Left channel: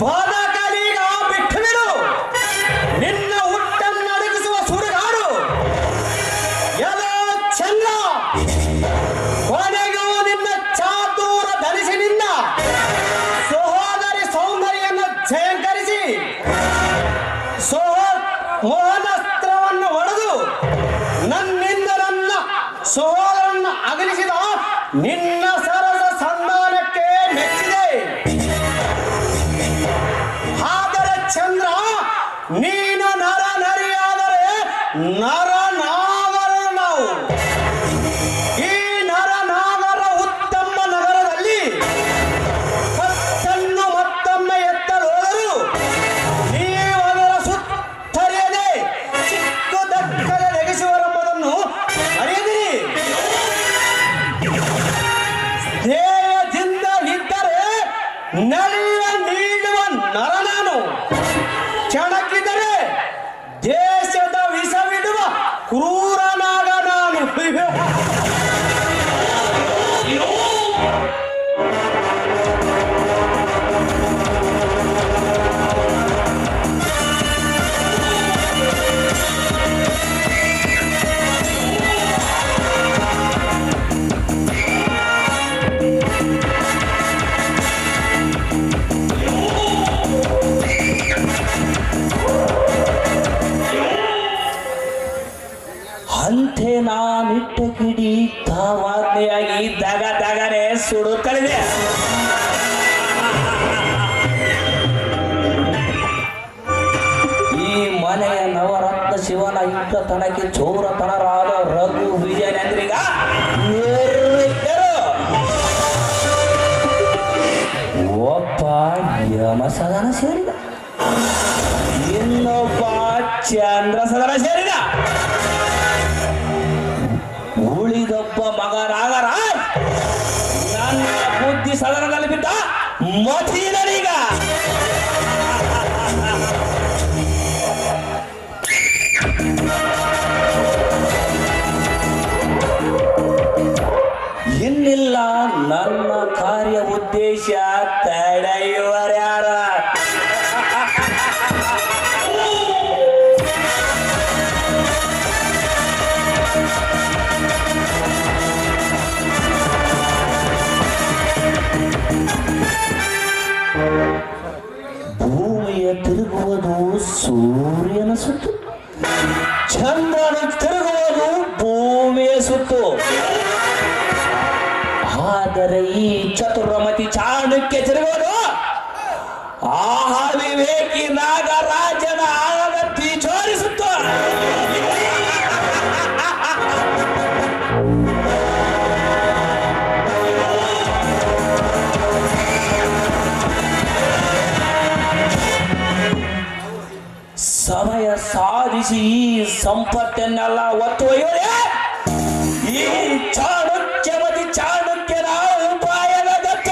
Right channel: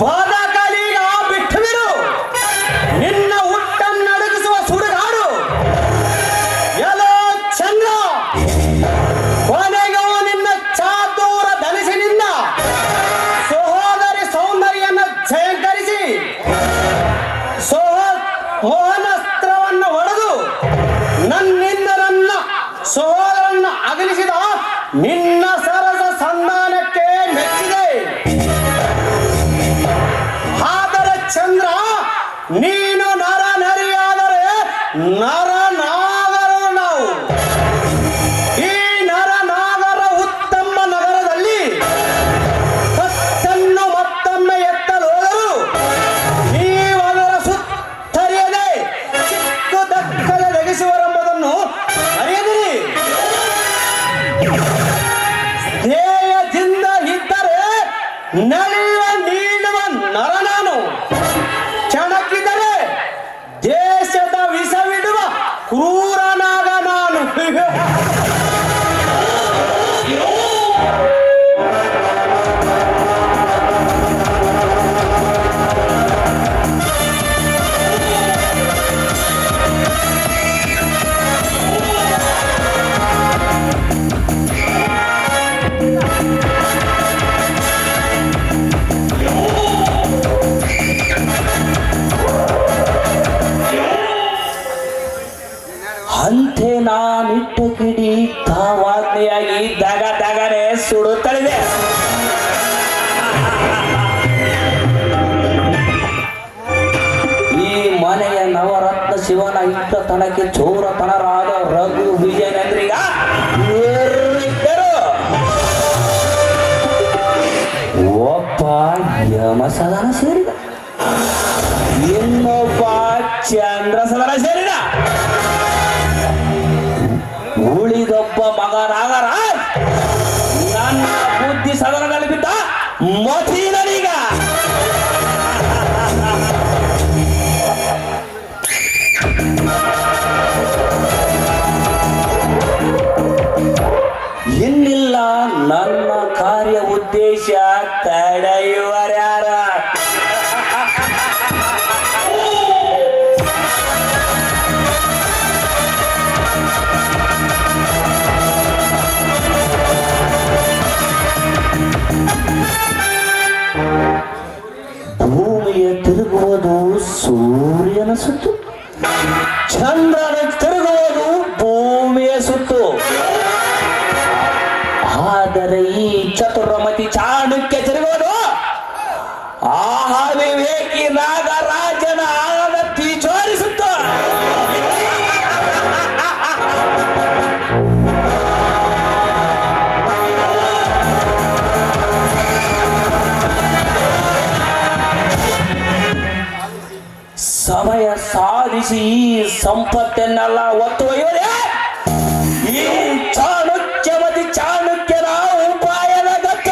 ಬಾದಾಕಾಲಿಗ ಬಿಟ್ಟು ಬಿಡು ನಿನ್ನ ಹುಟ್ಟನ್ನಡಗಿಸುವ ಸುಡುಗಾಡು ಎಲ್ಲೋ ಚಂದ್ರ ಕೊನೆಗೂ ನಿನ್ನ ಚಾತುರ ಧರಿಸಿ ನಿನ್ನ ಸಹೋದರಿ ಸೌಂದರ್ಯವನ್ನು ಜಯಂಕರಿಸಿ ಮೋಹನಸ್ತ್ರವನ್ನು ಹೊಡೆದು ನನ್ನಿಂದ ನನ್ನ ಸಹೋದರನ್ನು ಅಗಲಿಸಿದ ನಿನ್ನ ಸರಸ ಸಂಧಾನಕ್ಕೆ ಮೆಚ್ಚಿದೆ. ಆದರೆ ಚಂದ್ರ ನೀನು ನರ ನರಿಯಾದರೆ ನರನಾಗರ ನಾವು ಈ ನರನಾಗರ ಉತ್ತಮ ನಗರದಲ್ಲಿ ಕತ್ತನ್ನು ಮತ್ತೊಮ್ಮೆ ಎತ್ತಲು ಹೋದರು ನೀವರ ಸುತ್ತರಿಯದೆ ಚಿಕ್ಕದಕ್ಕಲೆ ನೆಗೆಸುವರೆಂಬುದನ್ನು ಅರಿಯದಿರಿ. ಧ್ಯೇಯದಿಂದ ಇದ್ದರೆ ನಡೆಯುವ ನೀಡುವ ನರನಾನು, ಕೆಣಕಿದರೆ ದೇಶದ ವಿಷವಿಡುವ ಕ್ರೂರನಾಗ ನಾನು. ಅಂತೆ ನಾನಿಟ್ಟ ಕಿಡಿ ಕಾವಾಗ್ನೆಯಾಗಿ ದಗ ದಗನೆ ಸುಡುತ್ತಲಿದೆ. ಈ ಮನೆಯ ನವರತ್ನ ಶಿವನ ಇಟ್ಟ ತನಕ್ಕೆ ಚೋರತನರಾದ ರಘು ವಿಜಯನೇಂದ್ರಿಗ ಒಬ್ಬ ಯಮಸದನ ಸೇರಿದ, ಇನ್ನೊಬ್ಬ ಚಂದ್ರ ಸದನ ಸೇರಿದ, ಉಳಿದೊಬ್ಬ ಮಗನಾಗರ ನನ್ನ ಬುದ್ಧಿ ಸದನದಲ್ಲಿ ಬಿದ್ದ ಮತೀನೀಗ. ಇನ್ನಿಲ್ಲ ನನ್ನ ಕಾರ್ಯ ಉದ್ದೇಶ ತಡೆಯುವರ್ಯಾರ. ಭೂಮಿಯ ತಿರುಗುವುದು ಸೂರ್ಯನ ಸುತ್ತು, ಚಂದ್ರನ ತಿರುಗುವುದು ಭೂಮಿಯ ಸುತ್ತು. ಆದರೆ ಈ ಚತುರ್ಮತಿ ಚಾಣಕ್ಯ ತಿರುಗೋದು ಆ ವಿವೇಕಿ ನಾಗರಾಜನ ಆನತಿ ಜೋರಿಸುತ್ತು. ಸಮಯ ಸಾಧಿಸಿ ಸಂಪತ್ತನ್ನೆಲ್ಲ ಒತ್ತುವಯ್ಯೋರೆ ಈ ಚಾಣಕ್ಯಮತಿ ಚಾಣಕ್ಯನ ಉಪಾಯದ ದತ್ತ.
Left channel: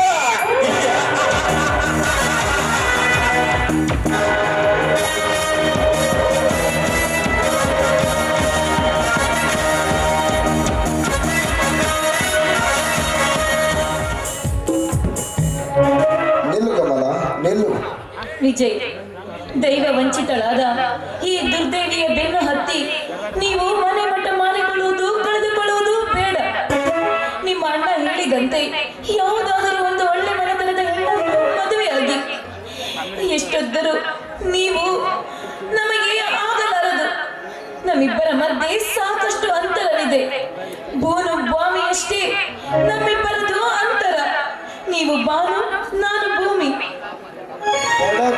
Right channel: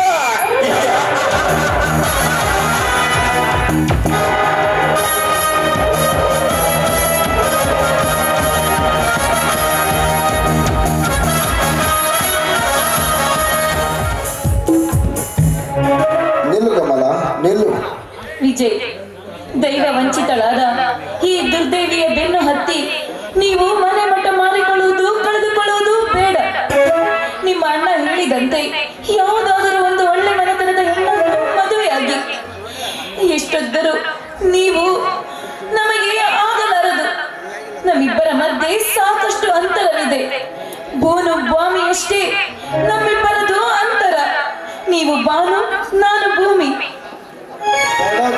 ನಿಲ್ಲು ಕಮಲ ನಿಲ್ಲು. ವಿಜಯ್, ದೈವ ವಂಚಿತಳಾದ ಈ ದುರ್ದೇವಿಯ ಬೆನ್ನು ಹತ್ತಿ ನೀವು ಮನೆ ಮಟ್ಟ ಮಾಡಿಕೊಳ್ಳುವುದು ಕಳೆದುಕೊಳ್ಳುವುದು ಬೇಡ. ನಿಮ್ಮ ಅಣ್ಣ ಹೇಳಿದಂತೆ ಯಾವುದಾದರೂ ಒಂದು ಒಳ್ಳೆ ಮನೆತನದ ಹೆಣ್ಣನ್ನು ಮದುವೆಯಾಗಿ ಎಷ್ಟೊದ್ದರೂ ನೀವು ನಮಗೆ ಆಗಲಾರದು. ನಮ್ಮಿಬ್ಬರ ಮಧ್ಯೆ ಸಾಕಷ್ಟು ಅಂತರವಿದೆ. ಬೋನು ಭೂಮಿಯಷ್ಟೇ ನಮ್ಮಿಬ್ಬರದು ಅಂತರ. ನೀವು ಬಾನು, ನಾನು ಭೂಮಿ.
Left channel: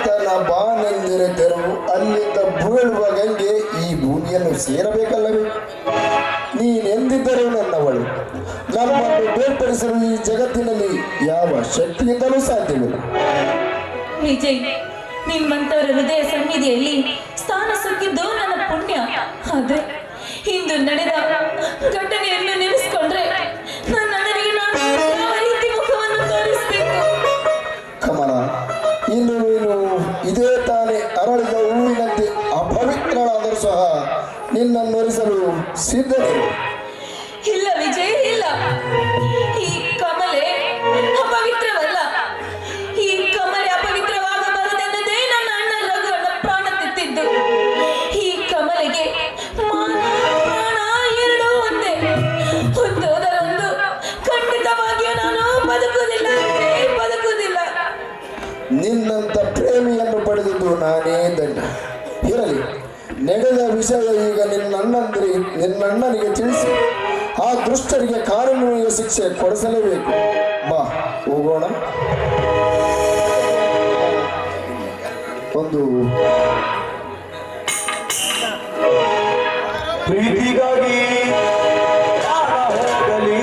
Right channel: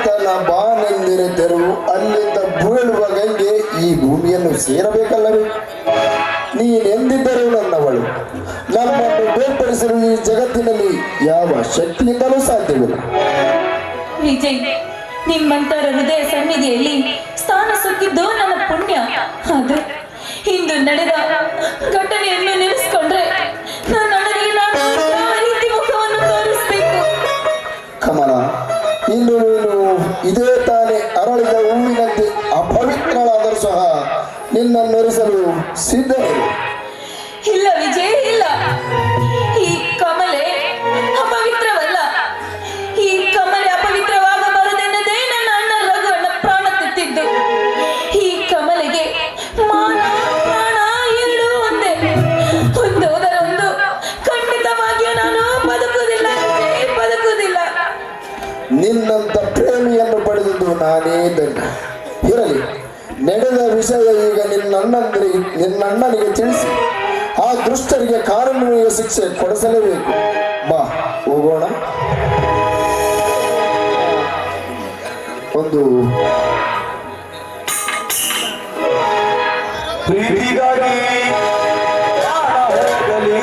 ತನ್ನ ಬಾನೆಂದಿರ ತೆರವು ಅಲ್ಲಿಂದ ಬೀಳುವ ಗಂಗೆ ಈ ಭೂಮಿಯನ್ನು ಸೇರಬೇಕಲ್ಲವೇ? ನೀನೆಂದಿದ್ದರೂ ನನ್ನವಳು. ನಮ್ಮನ್ನು ಬೇರ್ಪಡಿಸಲು ಈ ಜಗತ್ತಿನಲ್ಲಿ ಯಾವ ಶಕ್ತಿಯಿಂದಲೂ ಸಾಧ್ಯವಿಲ್ಲ. ವಿಜಯ್, ನಿಮ್ಮಂತರ ಹೃದಯ ಸನ್ನಿಧಿಯಲ್ಲಿ ಸ್ಥಾನ ಸಿಕ್ಕಿದ್ದು ನನ್ನ ಪುಣ್ಯ. ಆದ್ರೆ ಇಂದು ನಡೆದ ಘಟನೆಯನ್ನು ನೆನೆಸಿಕೊಂಡ್ರೆ ನನ್ನ ಅಣ್ಣನಿಗೆ ನಾನು ಯಾವ ರೀತಿ ಮುಖವನ್ನು ತೋರಿಸಬೇಕು? ಕಮಲ, ಇನ್ನು ನೀನು ಇದೇ ತಾನೇ ಅರಳಿದ ಹೂವಿನಂತೆ ಅಪವಿತ್ರಳಾದರೂ ಸಹ ನಿನ್ನನ್ನು ನೆನೆಸಲು ಸಿದ್ಧರು. ಇಲ್ಲ ವಿಜಯ್, ಇಲ್ಲ. ಈ ಇದ್ದಂತೆ. ಇರಲಿ, ನಡೆದ ವಿಷಯ ಈಗ ನಿನ್ನಣ್ಣನಿಗೆ ತಿಳಿಸಿ ಆ ದುಷ್ಟರಿಗೆ ಕಾನೂನಿನ ಶಿಕ್ಷೆ ಕೊಡಿಸಲೇಬೇಕು. ಬಾ ಹೋಗೋಣ. ಒಂದು ಪ್ರೀತಿಗಾಗಿ ಹೋಗಲಿ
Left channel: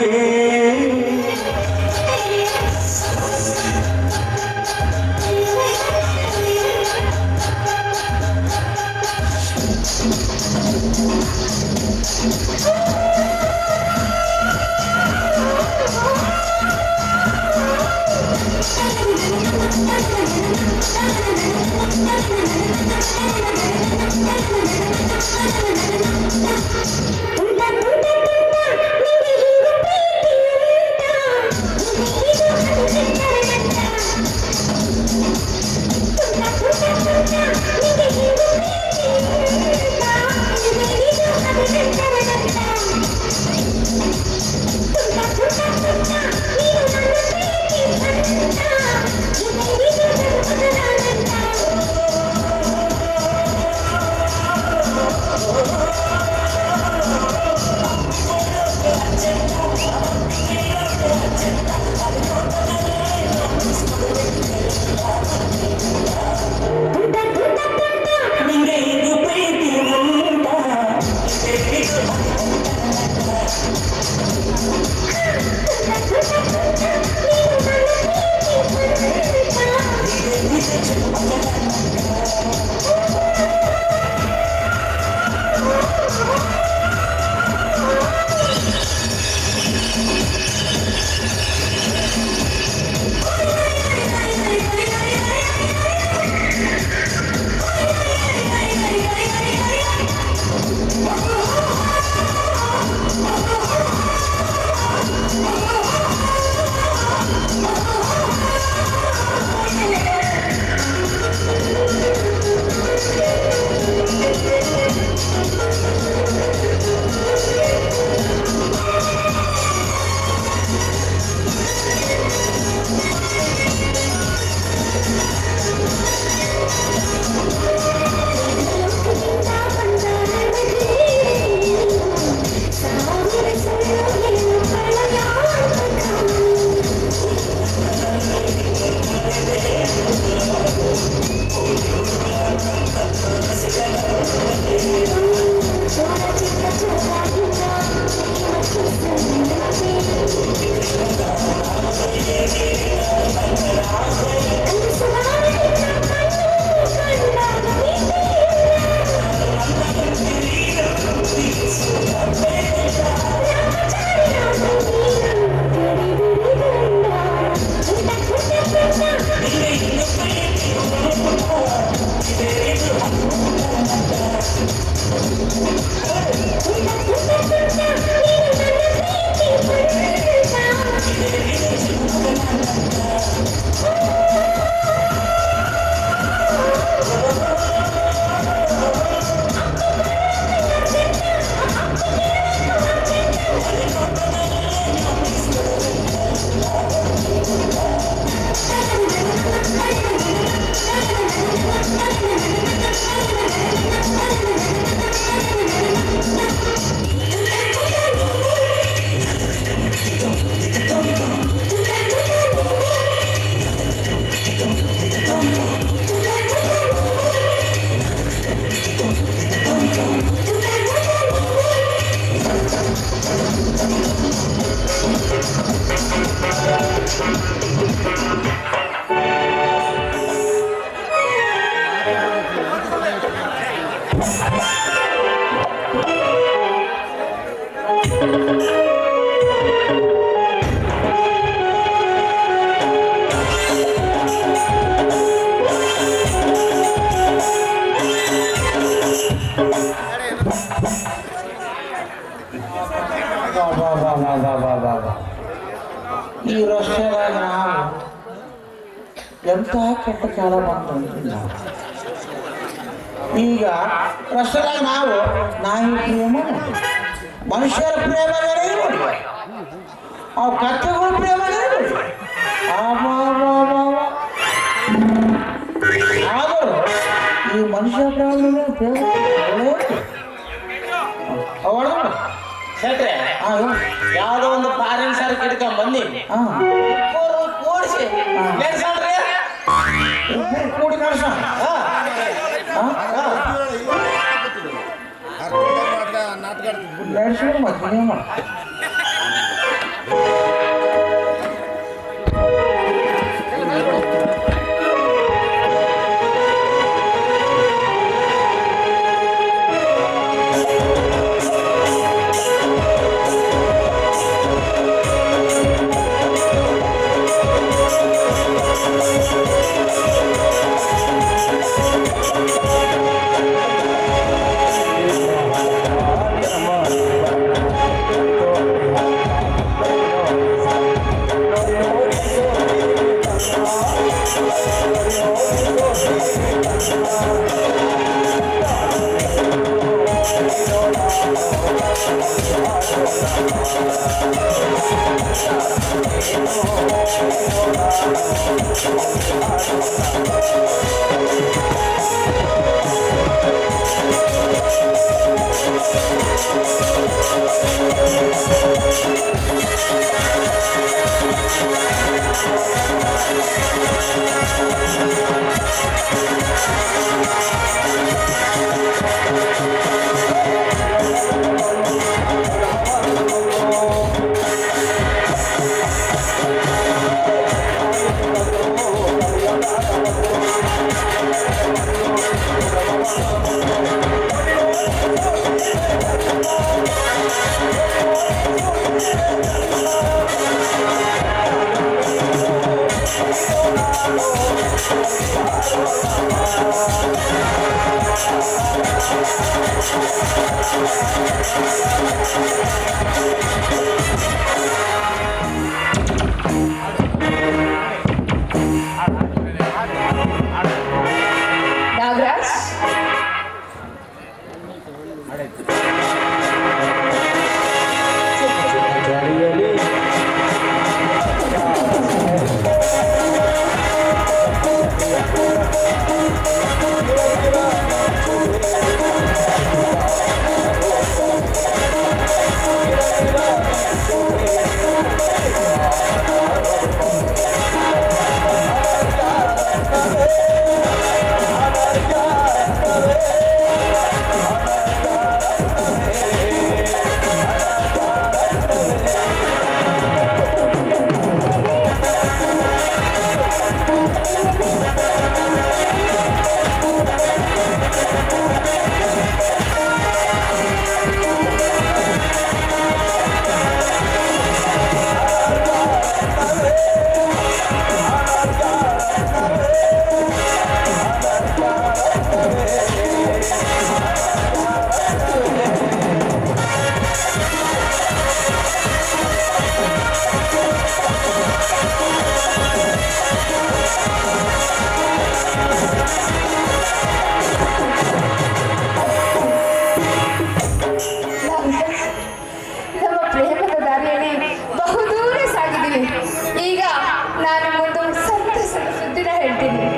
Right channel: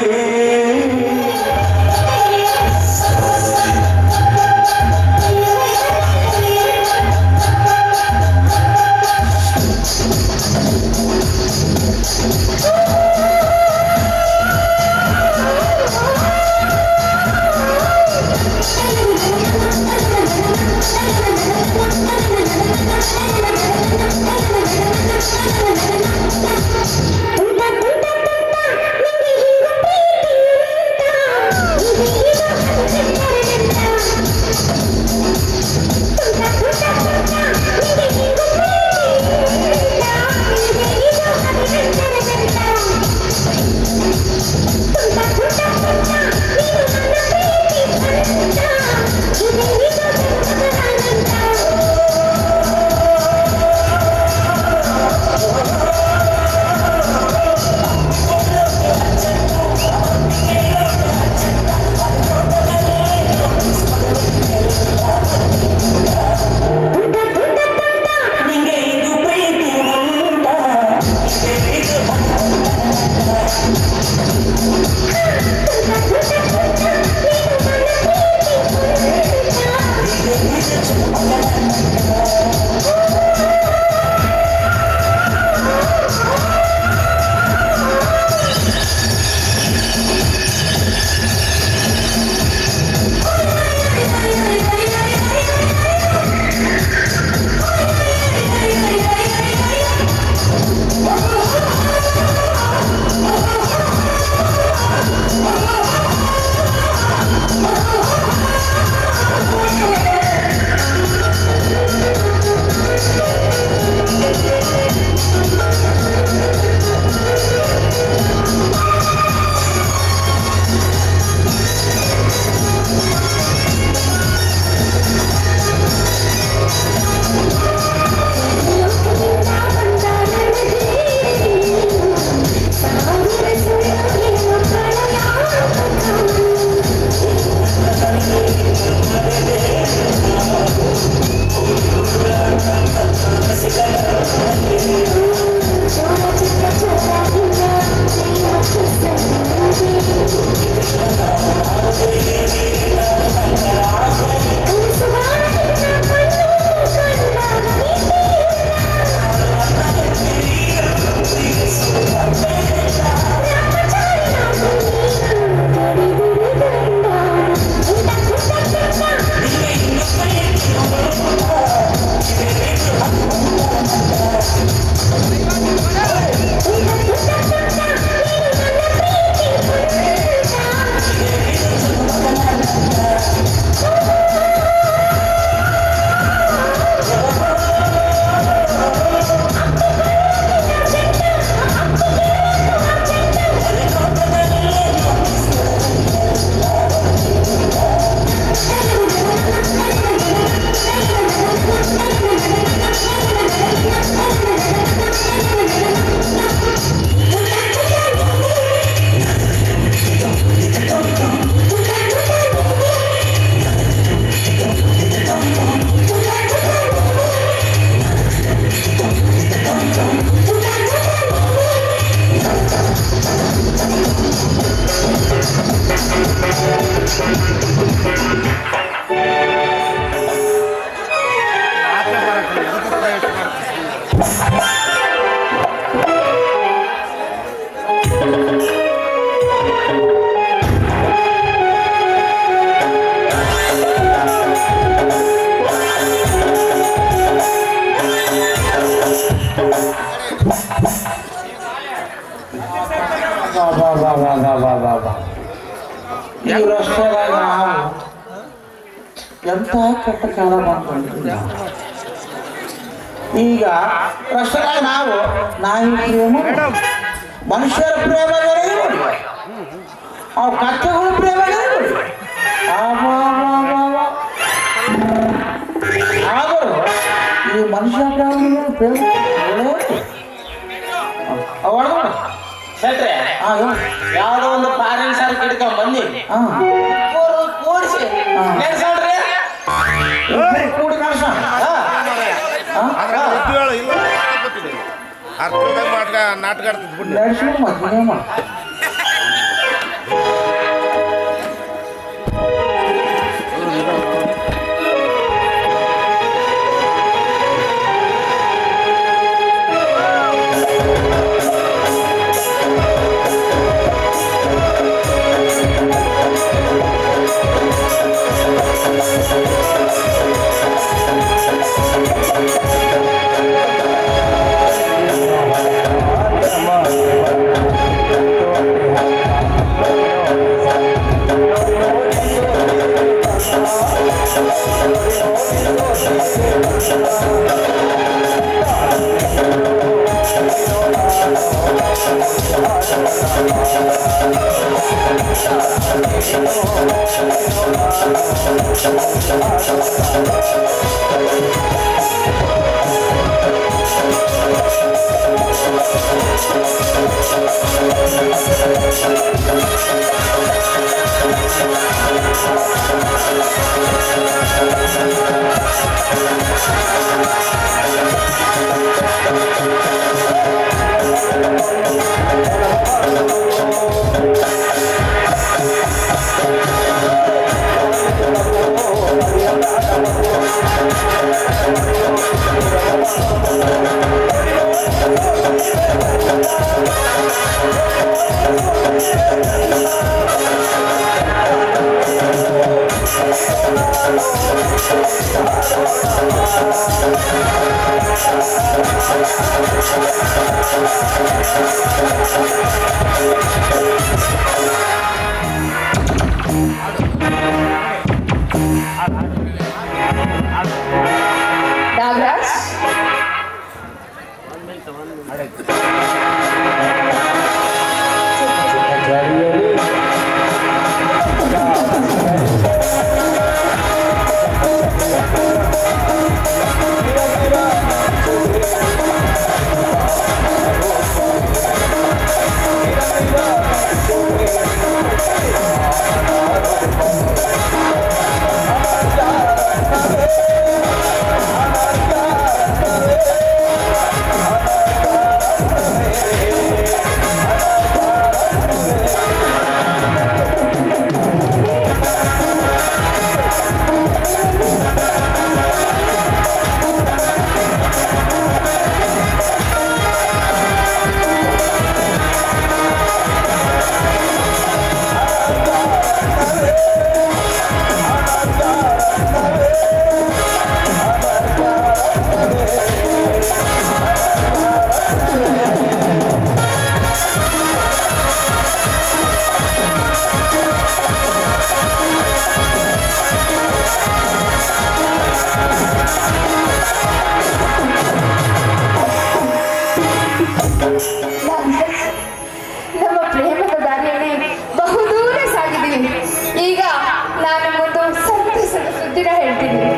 ಈ ರಸ್ತೆದಾಗ ಎಂತ ಕೆಟ್ಟ ಕಾಲ ಬಂದ. ಈಗ ರಸ್ತೆದಾಗ ನಾವು ನಾಯಿ ಪ್ರೇಮ, ಮನುಷ್ಯರ ಪ್ರೇಮಗಳೇ ಅವು ಕಚ್ಚೆಗೂ ಪ್ರೇಮಗಳೇ ಆದರೂ ಈ ಮನುಷ್ಯ ಹೇಳ್ರೆ ಯಾವ್ದೋ ಒಂದು ಫಾರಿನ್ ಸರ್ ಹಿಡ್ಕೊಂಡ್ ಬಂದಿ ಕೂಡಿಸಿ ನೆಡ್ಸೋಣ್ರಿ ಕೂಡಿ ಕಳ್ಸ ನಾಟಕ ನಡೆಸಿ ಮಧ್ಯ ನಾಗರಾಜ್ ನಮ್ಮ ಪ್ರೇಮದ ದಾರಿಯಲ್ಲಿ ಬಹುದೂರ ಸಾಗಿದ್ದೀವಿ. ಈಗ ನಾನು ಒಂದು ಸಂತಸದ ಸುದ್ದಿನ ಹೇಳ್ತೀನಿ.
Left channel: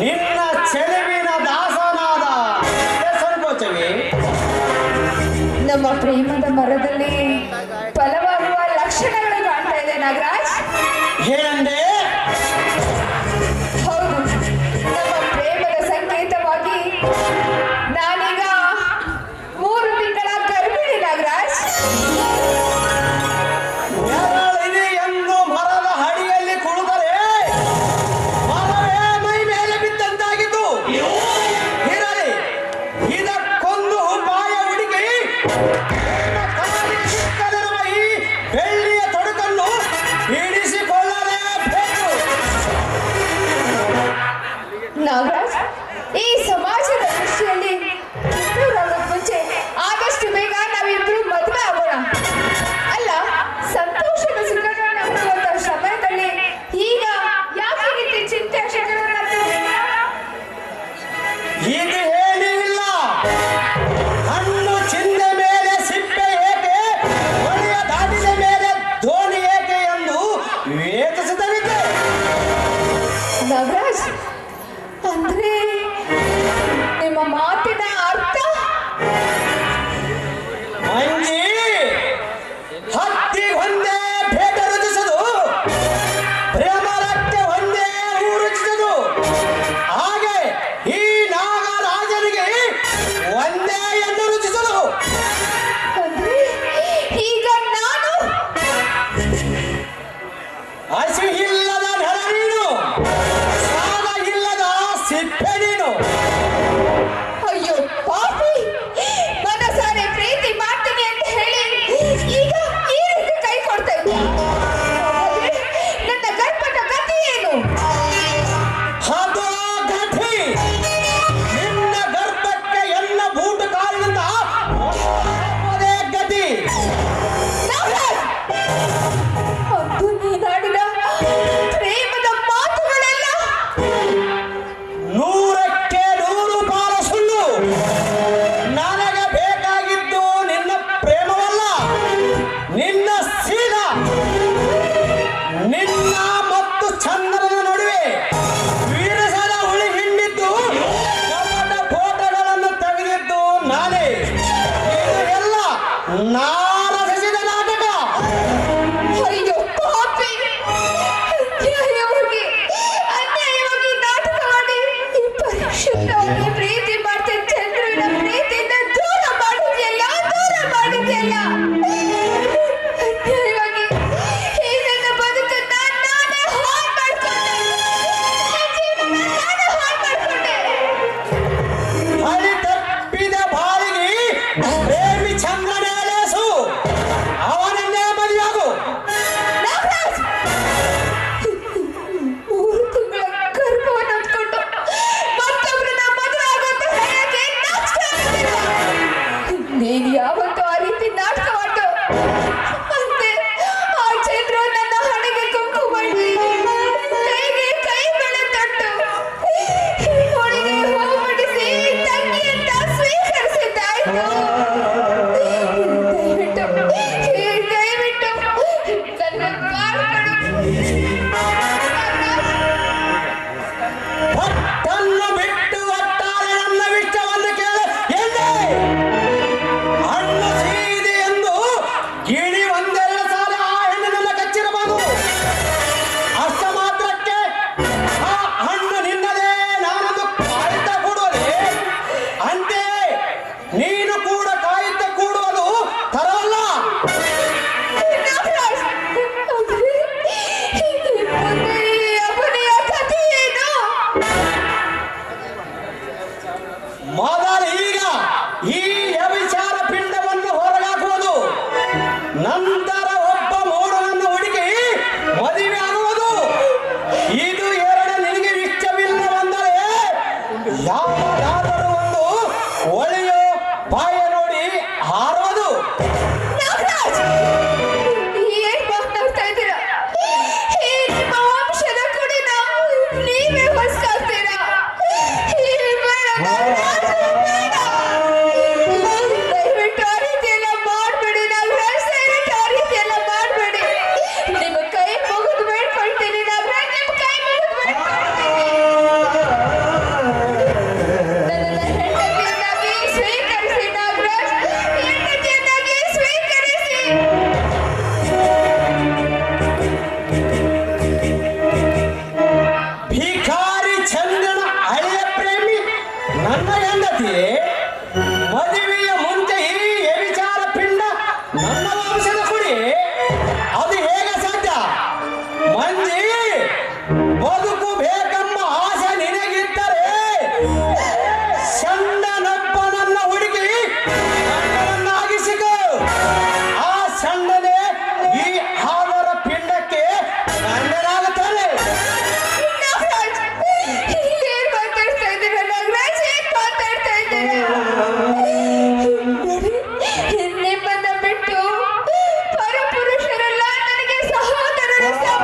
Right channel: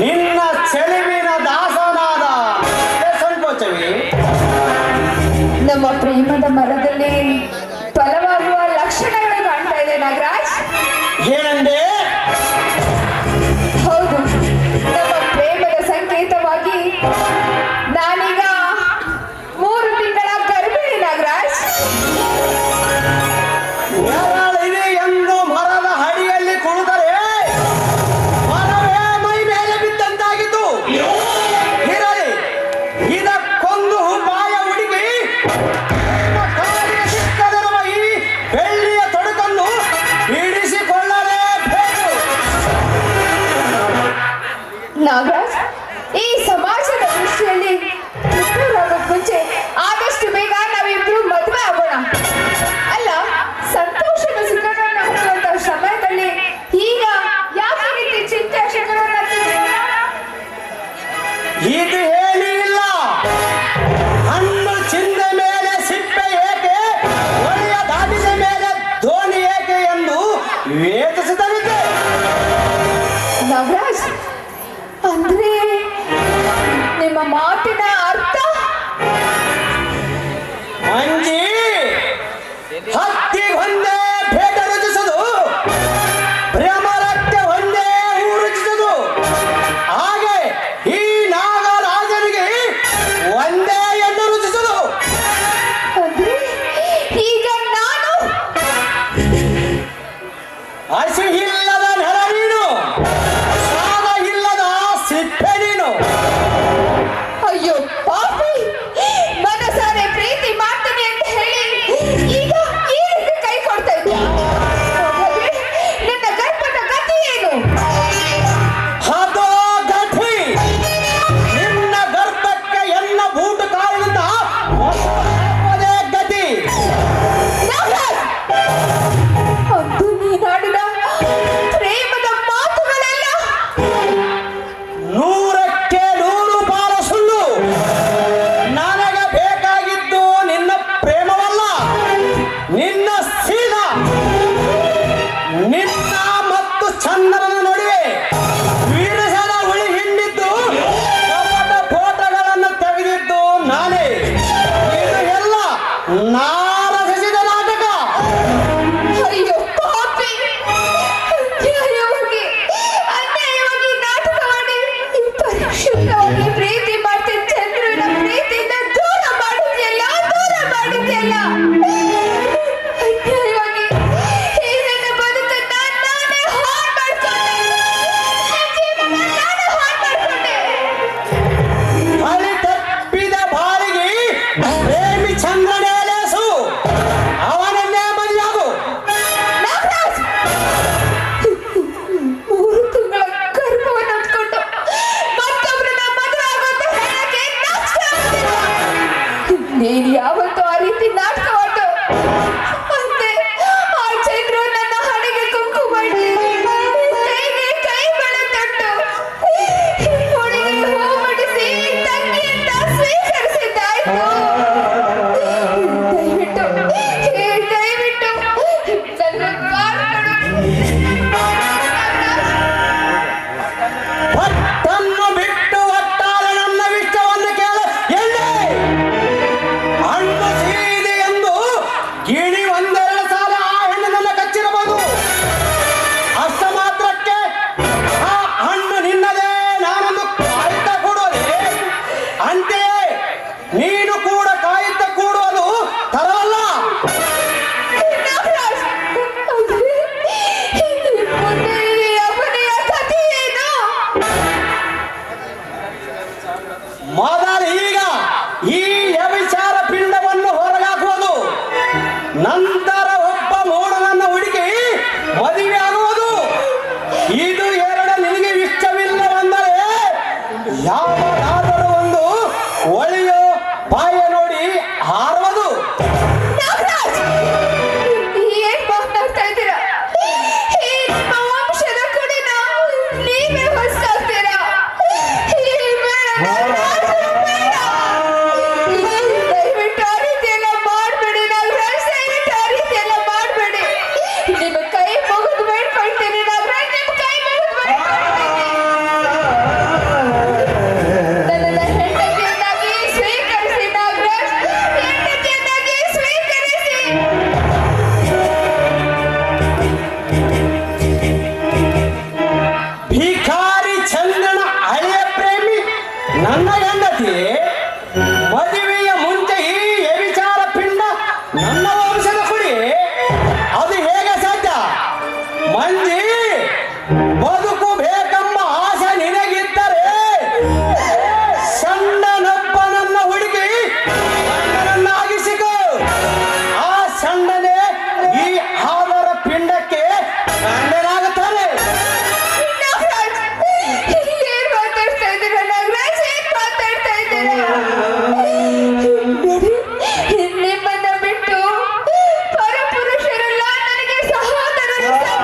ನಿನ್ನ ಚೆಲುವಿನ ದಾಸನಾದ ಸಂಕೋಚವಿ ನಮ್ಮ ಪ್ರೇಮದ ಮರದಲ್ಲಿ ಫಲವಾಗುವ ಲಕ್ಷಣಗಳು ಕಾಣ್ತಾ ಇದೆ ನಾಗರಾಜ್. ಏನಂದೆ? ಹೌದು, ನಮ್ಮ ಪ್ರೇಮದ ಸಂಕೇತವಾಗಿ ನಾನೀಗ 3 ತಿಂಗಳ ಗರ್ಭಿಣಿ ನಾಗರಾಜ್. ನೆರಳಿದೆ ಎಂದು ಮರದ ಅಡಿಯಲ್ಲಿ ಕುಳಿತರೆ ಮರವೇ ಮೈ ಮೇಲೆ ಬಿದ್ದಂತಾಗಿತ್ತು. ಇರಲಿ, ಇದಕ್ಕೊಂದು ಉಪಾಯ ಹುಡುಕಿ ಈ ಬೆಳ್ಳಿಯ ತೊಡೆ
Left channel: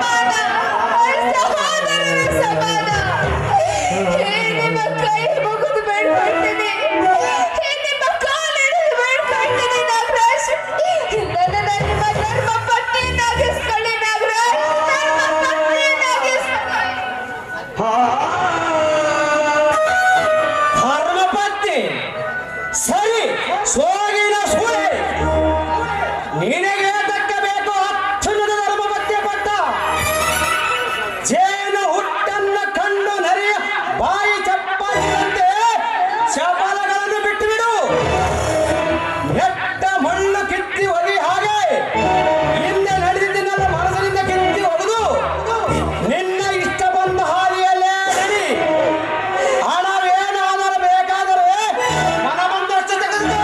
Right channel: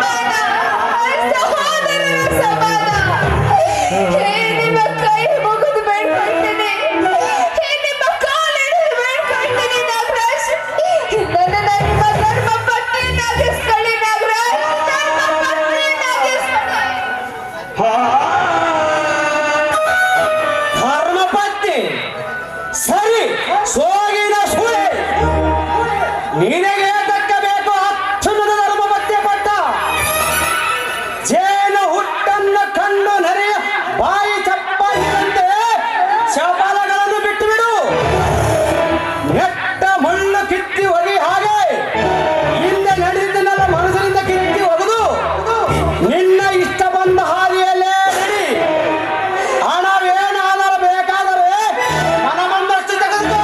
ಸಮಾನ ಸಹೋದರರ ಸಮಾನ. ನಿಮ್ಮ ಕೈ ಮುಗಿದು ಬೇಡ್ಕೊಳ್ತೀನಿ, ನಿಮ್ಮ ಕಾಲಿಡಿದು ಬೇಡ್ಕೊಳ್ತೀನಿ ನಾಗರಾಜ್. ನನ್ನನ್ನ ನಿಮ್ಮ ಧರ್ಮ ಪತ್ನಿಯನ್ನಾಗಿಸ್ಕೊಳ್ಳಿ ನಾಗರಾಜ್, ಧರ್ಮ ಪತ್ನಿಯನ್ನಾಗಿಸ್ಕೊಳ್ಳಿ. ಧರ್ಮಪತ್ನಿ ಸರಿ, ಸೋಗಿನ ಸುಳಿ ನಿನಗೆ ದಕ್ಕಬೇಕು ಅಚ್ಚುನದ ಧರ್ಮಪತ್ನಿ ಪಟ್ಟ. ಜೇನು ಹುಟ್ಟನ್ನ ಕಣ್ಣು ನರೆಯ ಬಾಯಿ ಚಪ್ಪಲಿನಂತೆ ಚಪಲಗಳನ್ನು ಬಿಟ್ಟು ಬಿಡು. ನೆಟ್ಟ ಮಣ್ಣು ಕಿತ್ತಿ ಒಲಿ ಹಾಗೆ ಹಿಂದೆ ನಡೆದಿದ್ದನ್ನೆಲ್ಲ ಮನಸ್ಸಿನಿಂದ ಕಿತ್ತಿ ಒಗೆದು ನಿನ್ನ ಇಷ್ಟ ಬಂದ ಹಾದಿಯಲ್ಲೇ ನಡಿ. ಹಣವೇನಾದರೂ ಬೇಕಾದರೆ ಮನ ಬಂದಷ್ಟು ತೆಗೆದುಕೋ.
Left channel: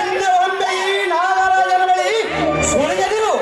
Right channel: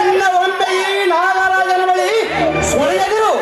ಇನ್ನು ಒಮ್ಮೆ ಈ ನಾಗರಾಜನ ಬಳಿ ಸುಳಿಯದಿರು.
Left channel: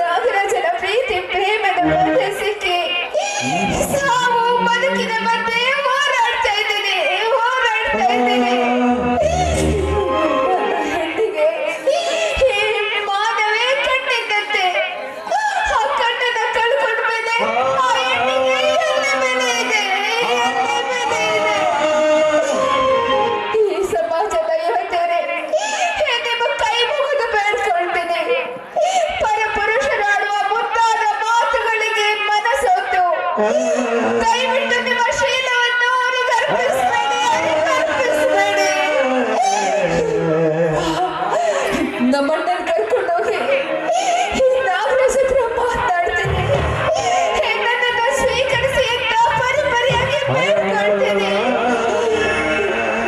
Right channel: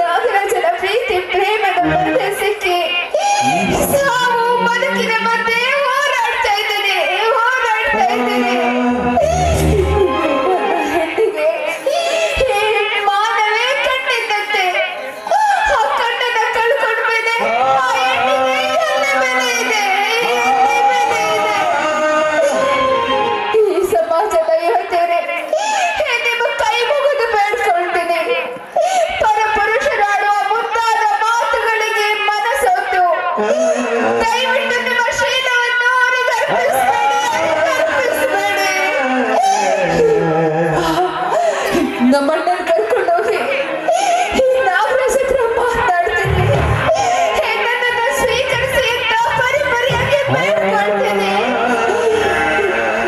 ನಾಗರಾಜನ ಪ್ರೀತಿ ಪ್ರೇಮದ ಮಧ್ಯೆ ಸಿಕ್ಕಿ ಸಾವು ಬದುಕಿನ ಮಧ್ಯೆ ಹೋರಾಡ್ತಾ ಇದ್ದೀನಿ. ಹೆಣ್ಣಿಗೆ ಈ ಮಾನವೇ ಕಣ್ಣಿದ್ದಂತೆ. ಆ ಕಣ್ಣನ್ನ ಕಳ್ಕೊಂಡ ಮೇಲೆ ಆ ಹೆಣ್ಣಿಗೆ ಎಲ್ಲ ಬೆಲೆ ಇದೆ, ಈ ಸಮಾಜದ ಯುವತಿಯರೇ, ನಿಮ್ಮ ಕೈ ಮುಗಿದು ಬೇಡ್ಕೊಳ್ತೀನಿ. ಪರಪುರುಷರಾಡುವ ಮುದ್ದಾದ ಮಾತುಗಳಿಗೆ ಮನಸೊತ್ತು ದಯವಿಟ್ಟು ನಿಮ್ಮ ಶೀಲವನ್ನು ಅವರಿಗೆ ಅರ್ಪಿಸಬೇಡಿ. ನಮ್ಮಣ್ಣನ ಕರ್ಕೊಂಡೋಗಿ ಈ ನಾಗರಾಜ ಹತ್ರ ಮಾತಾಡ್ತೀನಿ. ನನ್ನನ್ನು ಸ್ವೀಕರಿಸಿ ಅಂತ ಪರಿಪರಿಯಾಗಿ ಬೇಡ್ಕೊಳ್ತೀನಿ.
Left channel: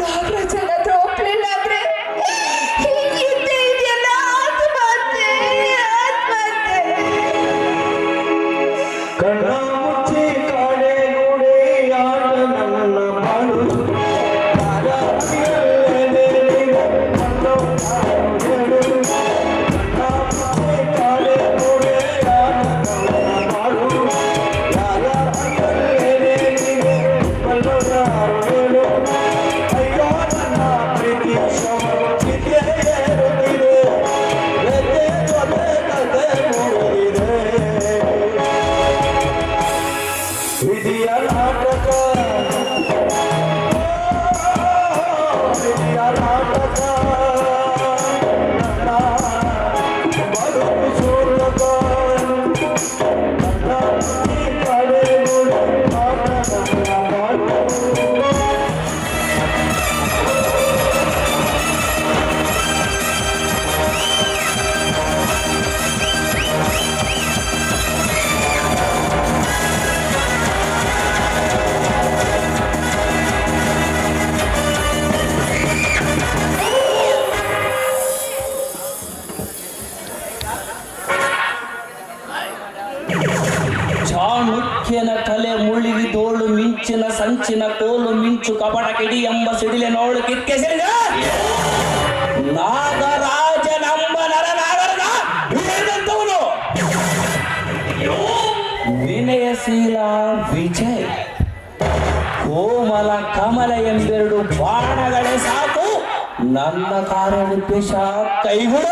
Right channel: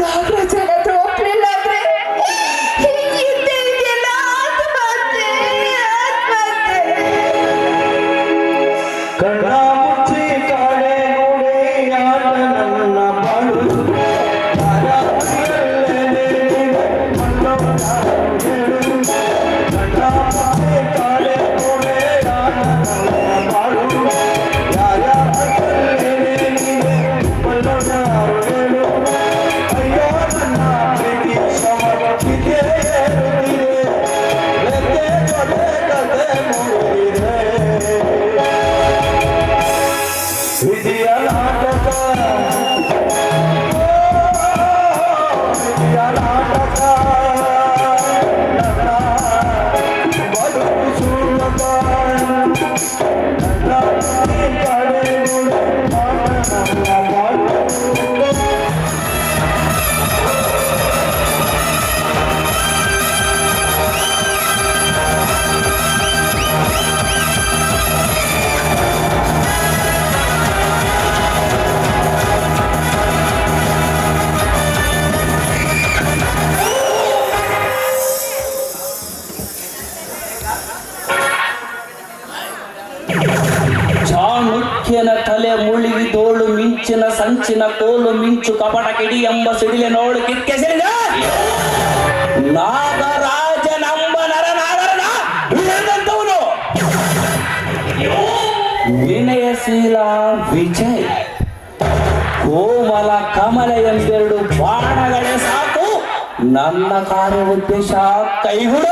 ನಾಗರಾಜನ ಹತ್ರ ಒಪ್ಪಲಿಲ್ಲ ಅಂದ್ರೆ ಹಿಂದೆ ಇದೆಯಲ್ಲ ಆತ್ಮಹತ್ಯೆ. ಕಣ್ಣ ಮುಚ್ಚಿ ಕಾಡೆ ಗೋಡೆಯಾಡ ನನ್ನ ಬಾಳು. ಚಾಣುಕ್ಯನ ತಲೆ ಮುಳುಗಿ ತೋಳು ಮಿಂಚಿನ ಸಂಚಿನ ಕೋಲು ಮಿಂಚು ಕಪಟ ಕಿಡಿ ಎಂಬ ಸಿಡಿಲೆ ನೋಡು ಕಿಕ್ಕೆ ಸಿಡಿದ ನಾಗರಾಜನೆಂಬ ನರನಾಗರನ ಹಿಡಿದಂತವನು ವಿನಯಶೀಲ ವಿಜಯ್ ಕೋಮಲ ಕಮಲ ಎಂಬೆರಡು ಬಾಣಗಳೇ ಸಾಕು ನನ್ನ ಕಾರ್ಯ ಉದ್ದೇಶ ಕೈಬಿಡು.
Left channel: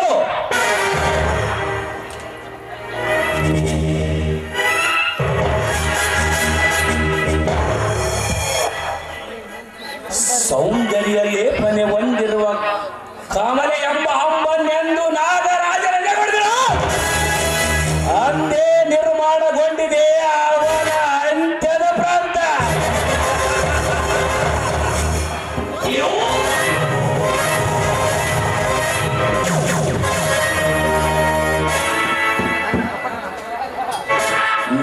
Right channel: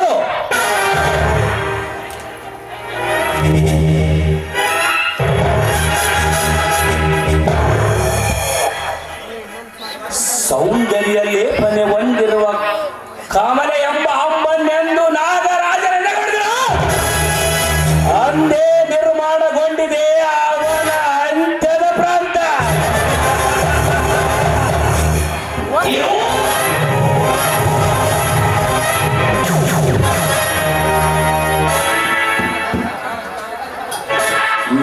ಸೌಂದರ್ಯ ಲೇಪನೆ ಹೊಂದಿರುವ ಕಮಲ ಎಂಬ ಹಮ್ಮನ್ನೆಂದು ನಾಗರಾಜನ ನೆಗಡಿದನು. ಅಂದೇ ನಿರ್ಮಾಣಗೊಂಡಿದೆ ಅವನ ಅಂತ್ಯದ ಪ್ರಾಂತ.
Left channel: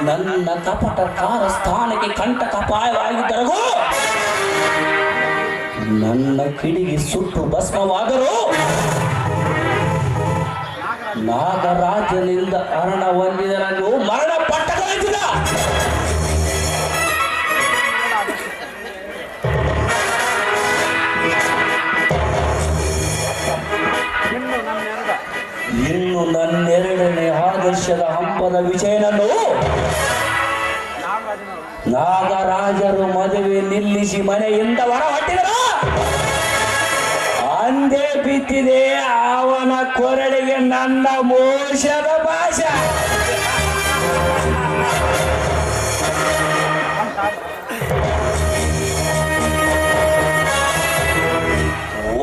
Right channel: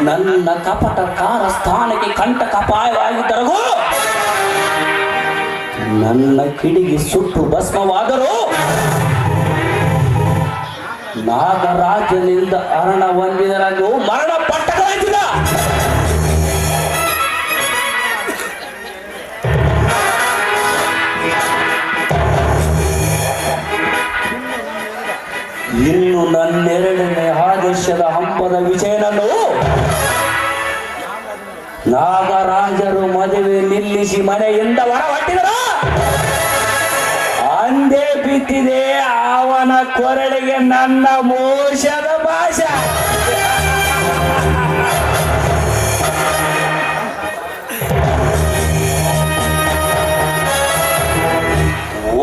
ನನ್ನ ಕಪಟ ಕಾರ ಸ್ಥಾನಕ್ಕೆ ಕಂಟಕಪಾಯವಾಗಿದ್ದರಗೂ ನನ್ನ ಕಿಡಿಗೆ ಸುಟ್ಟು ಭಸ್ಮವಾದರೂ ನಾಗರಾಜನಿಂದ ಹರಣ ಹೊಂದಿದರನ್ನು ಮರಣ ಪಟ್ಟ ಎಂಬುದ ವಿಷಯನನ್ನು ನಾಗರಾಜರು ಮದುವೆ ನಿಲ್ಲಿಸಿ ಮನೆಯಿಂದ ಹೊರ ಹೊಟ್ಟಿದರು. ಅಂದೇ ಬಿತ್ತಿದೆ ಅವನ ಕೊರಳಿಗೆ ನನ್ನ ಮೋಸದ ಭಾಷೆ.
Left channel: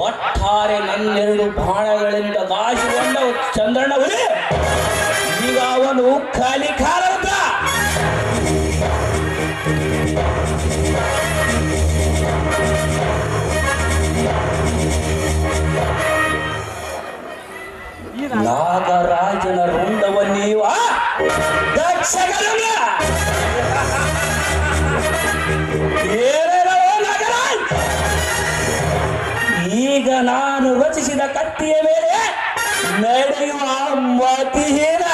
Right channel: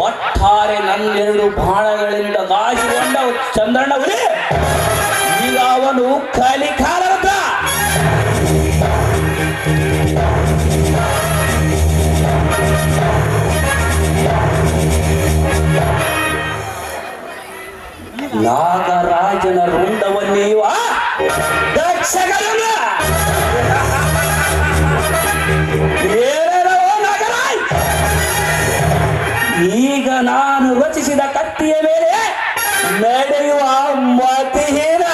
ಒಟ್ಟಾರೆ ನನ್ನೆರಡು ಬಾಣಗಳಿಂದ ನಾಶಗೊಂಡ ಚಂದ್ರನವರೇ, ಈಗ ಅವನು ಕಲಿಕಾಲದ ನಾಗರಾಜನ ರುಂಡವನ್ನೀವ ದಕ್ಷಗರನ ನಾಗರಾಜ್, ಈಗ ನಾನು ರಚಿಸಿದ ಕತ್ತಿಯ ಮೇಲೆ ನಡೆಯುವ ಮತಿಹೀನ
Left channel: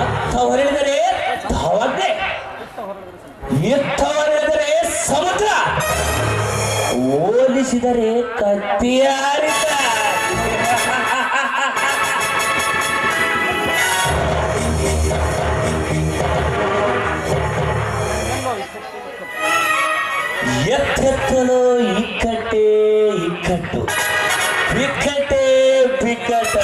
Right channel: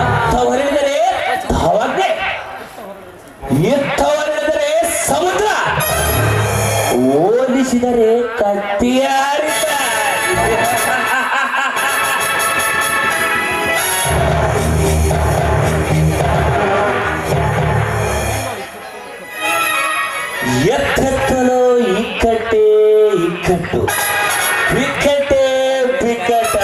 ಅರ್ಥವರೆದರೆ ಧವಜ್ಞೆ, ಇತ್ತವರೆದರೆ ಸಮುದ್ರ, ಹೋಲಿಸಿದರೆ ಕತ್ತಿಯಾರಿತ. ಎತ್ತಲು ಇಕ್ಕಟ್ಟೆ ಇಕ್ಕಟ್ಟು, ಬಿಕ್ಕಟ್ಟೆ ಬಿಕ್ಕಟ್ಟ.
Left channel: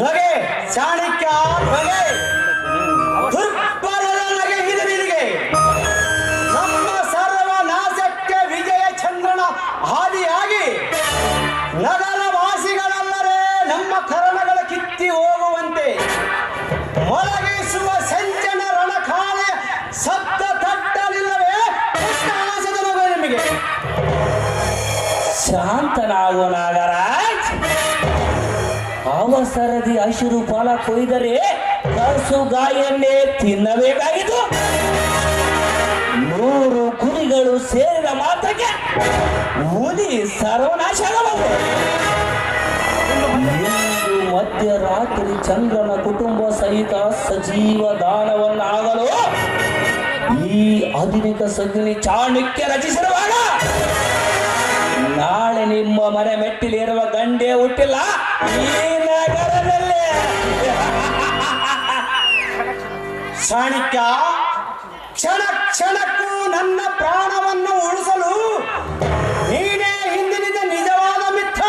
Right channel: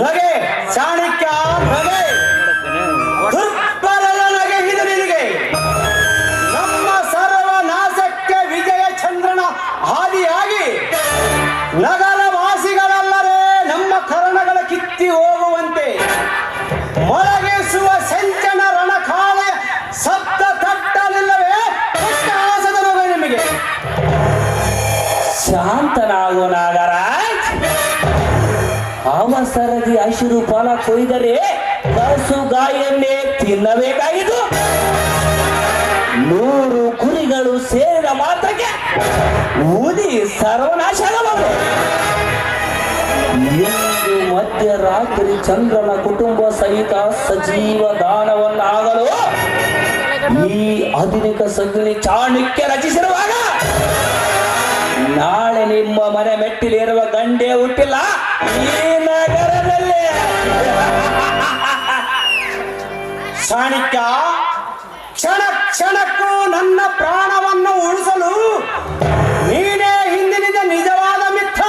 ನಗೆ ಚಾಣಕ್ಯ ನಗೆ, ದುರ್ಬಲನ ನಗೆ ಇದು ನಿನಗೆ. ನಮ್ಮ ಸರ್ವನಾಶಕ್ಕೆ ವಿಜಯ ಚಂದ್ರನ ಹಾದಿಯಾಗಿ ನಗರ ವಾಸಿಗಳೆಲ್ಲರೇ ನಮ್ಮ ಕರ್ಣಗಳ ಕಿತ್ತಿ ಹೋಗುವಂತೆ ಮೊಳಗಿಸುವ ಸಂಚನ ರಣಕಾಳೆಯ ಶಬ್ದ ತಟ್ಟಲಿಲ್ಲವೇ ಉಲ್ಲಾಸದ ನಗೆ ನಿಮಗೆ. ಶಾಂತನಾಗು ನಾಗರಾಜ್, ಅವಸರದಿ ಹಸಿರು ಫಲ ಕೊಯ್ದರೆ ಕಸು ಗಾಯಲ್ಲೇ ತಿನ್ನಬೇಕಾಗಿತ್ತು. 100 ಕುರಿಗಳು ಸೇರಿದ ಮಾತ್ರಕ್ಕೆ ಊದಿ ಸರ್ವನಾಶವಾಗಬಹುದು. ಇಂದು ಮಧ್ಯರಾತ್ರಿ ಚಂದ್ರನ ಕುಟುಂಬ ಸಹಿತ ಸಜೀವ ದಾನವನ್ನಾಗಲು ಈ ಆಧುನಿಕ ಸಂಘಿ ಚಾಣಕ್ಯ ರಚಿಸಿರುವಾಗ ನಾಳೆ ನಿಮ್ಮ ಮನೆ ಮೆಟ್ಟಿಲಿರುವ ಗಂಡೆ ಹುಟ್ಟಿಲ್ಲ ಈ ನಗರದಲ್ಲಿ. ಚಾಣಕ್ಯ, ಕ್ಷಣ ಕ್ಷಣಕ್ಕೂ ನನ್ನ ಪ್ರಾಣವನ್ನು ಉಳಿಸಲು ನೀನೇ ಹಿಂದಿನಿಂದ ನಿಜವಾದ ಮಿತ್ರ.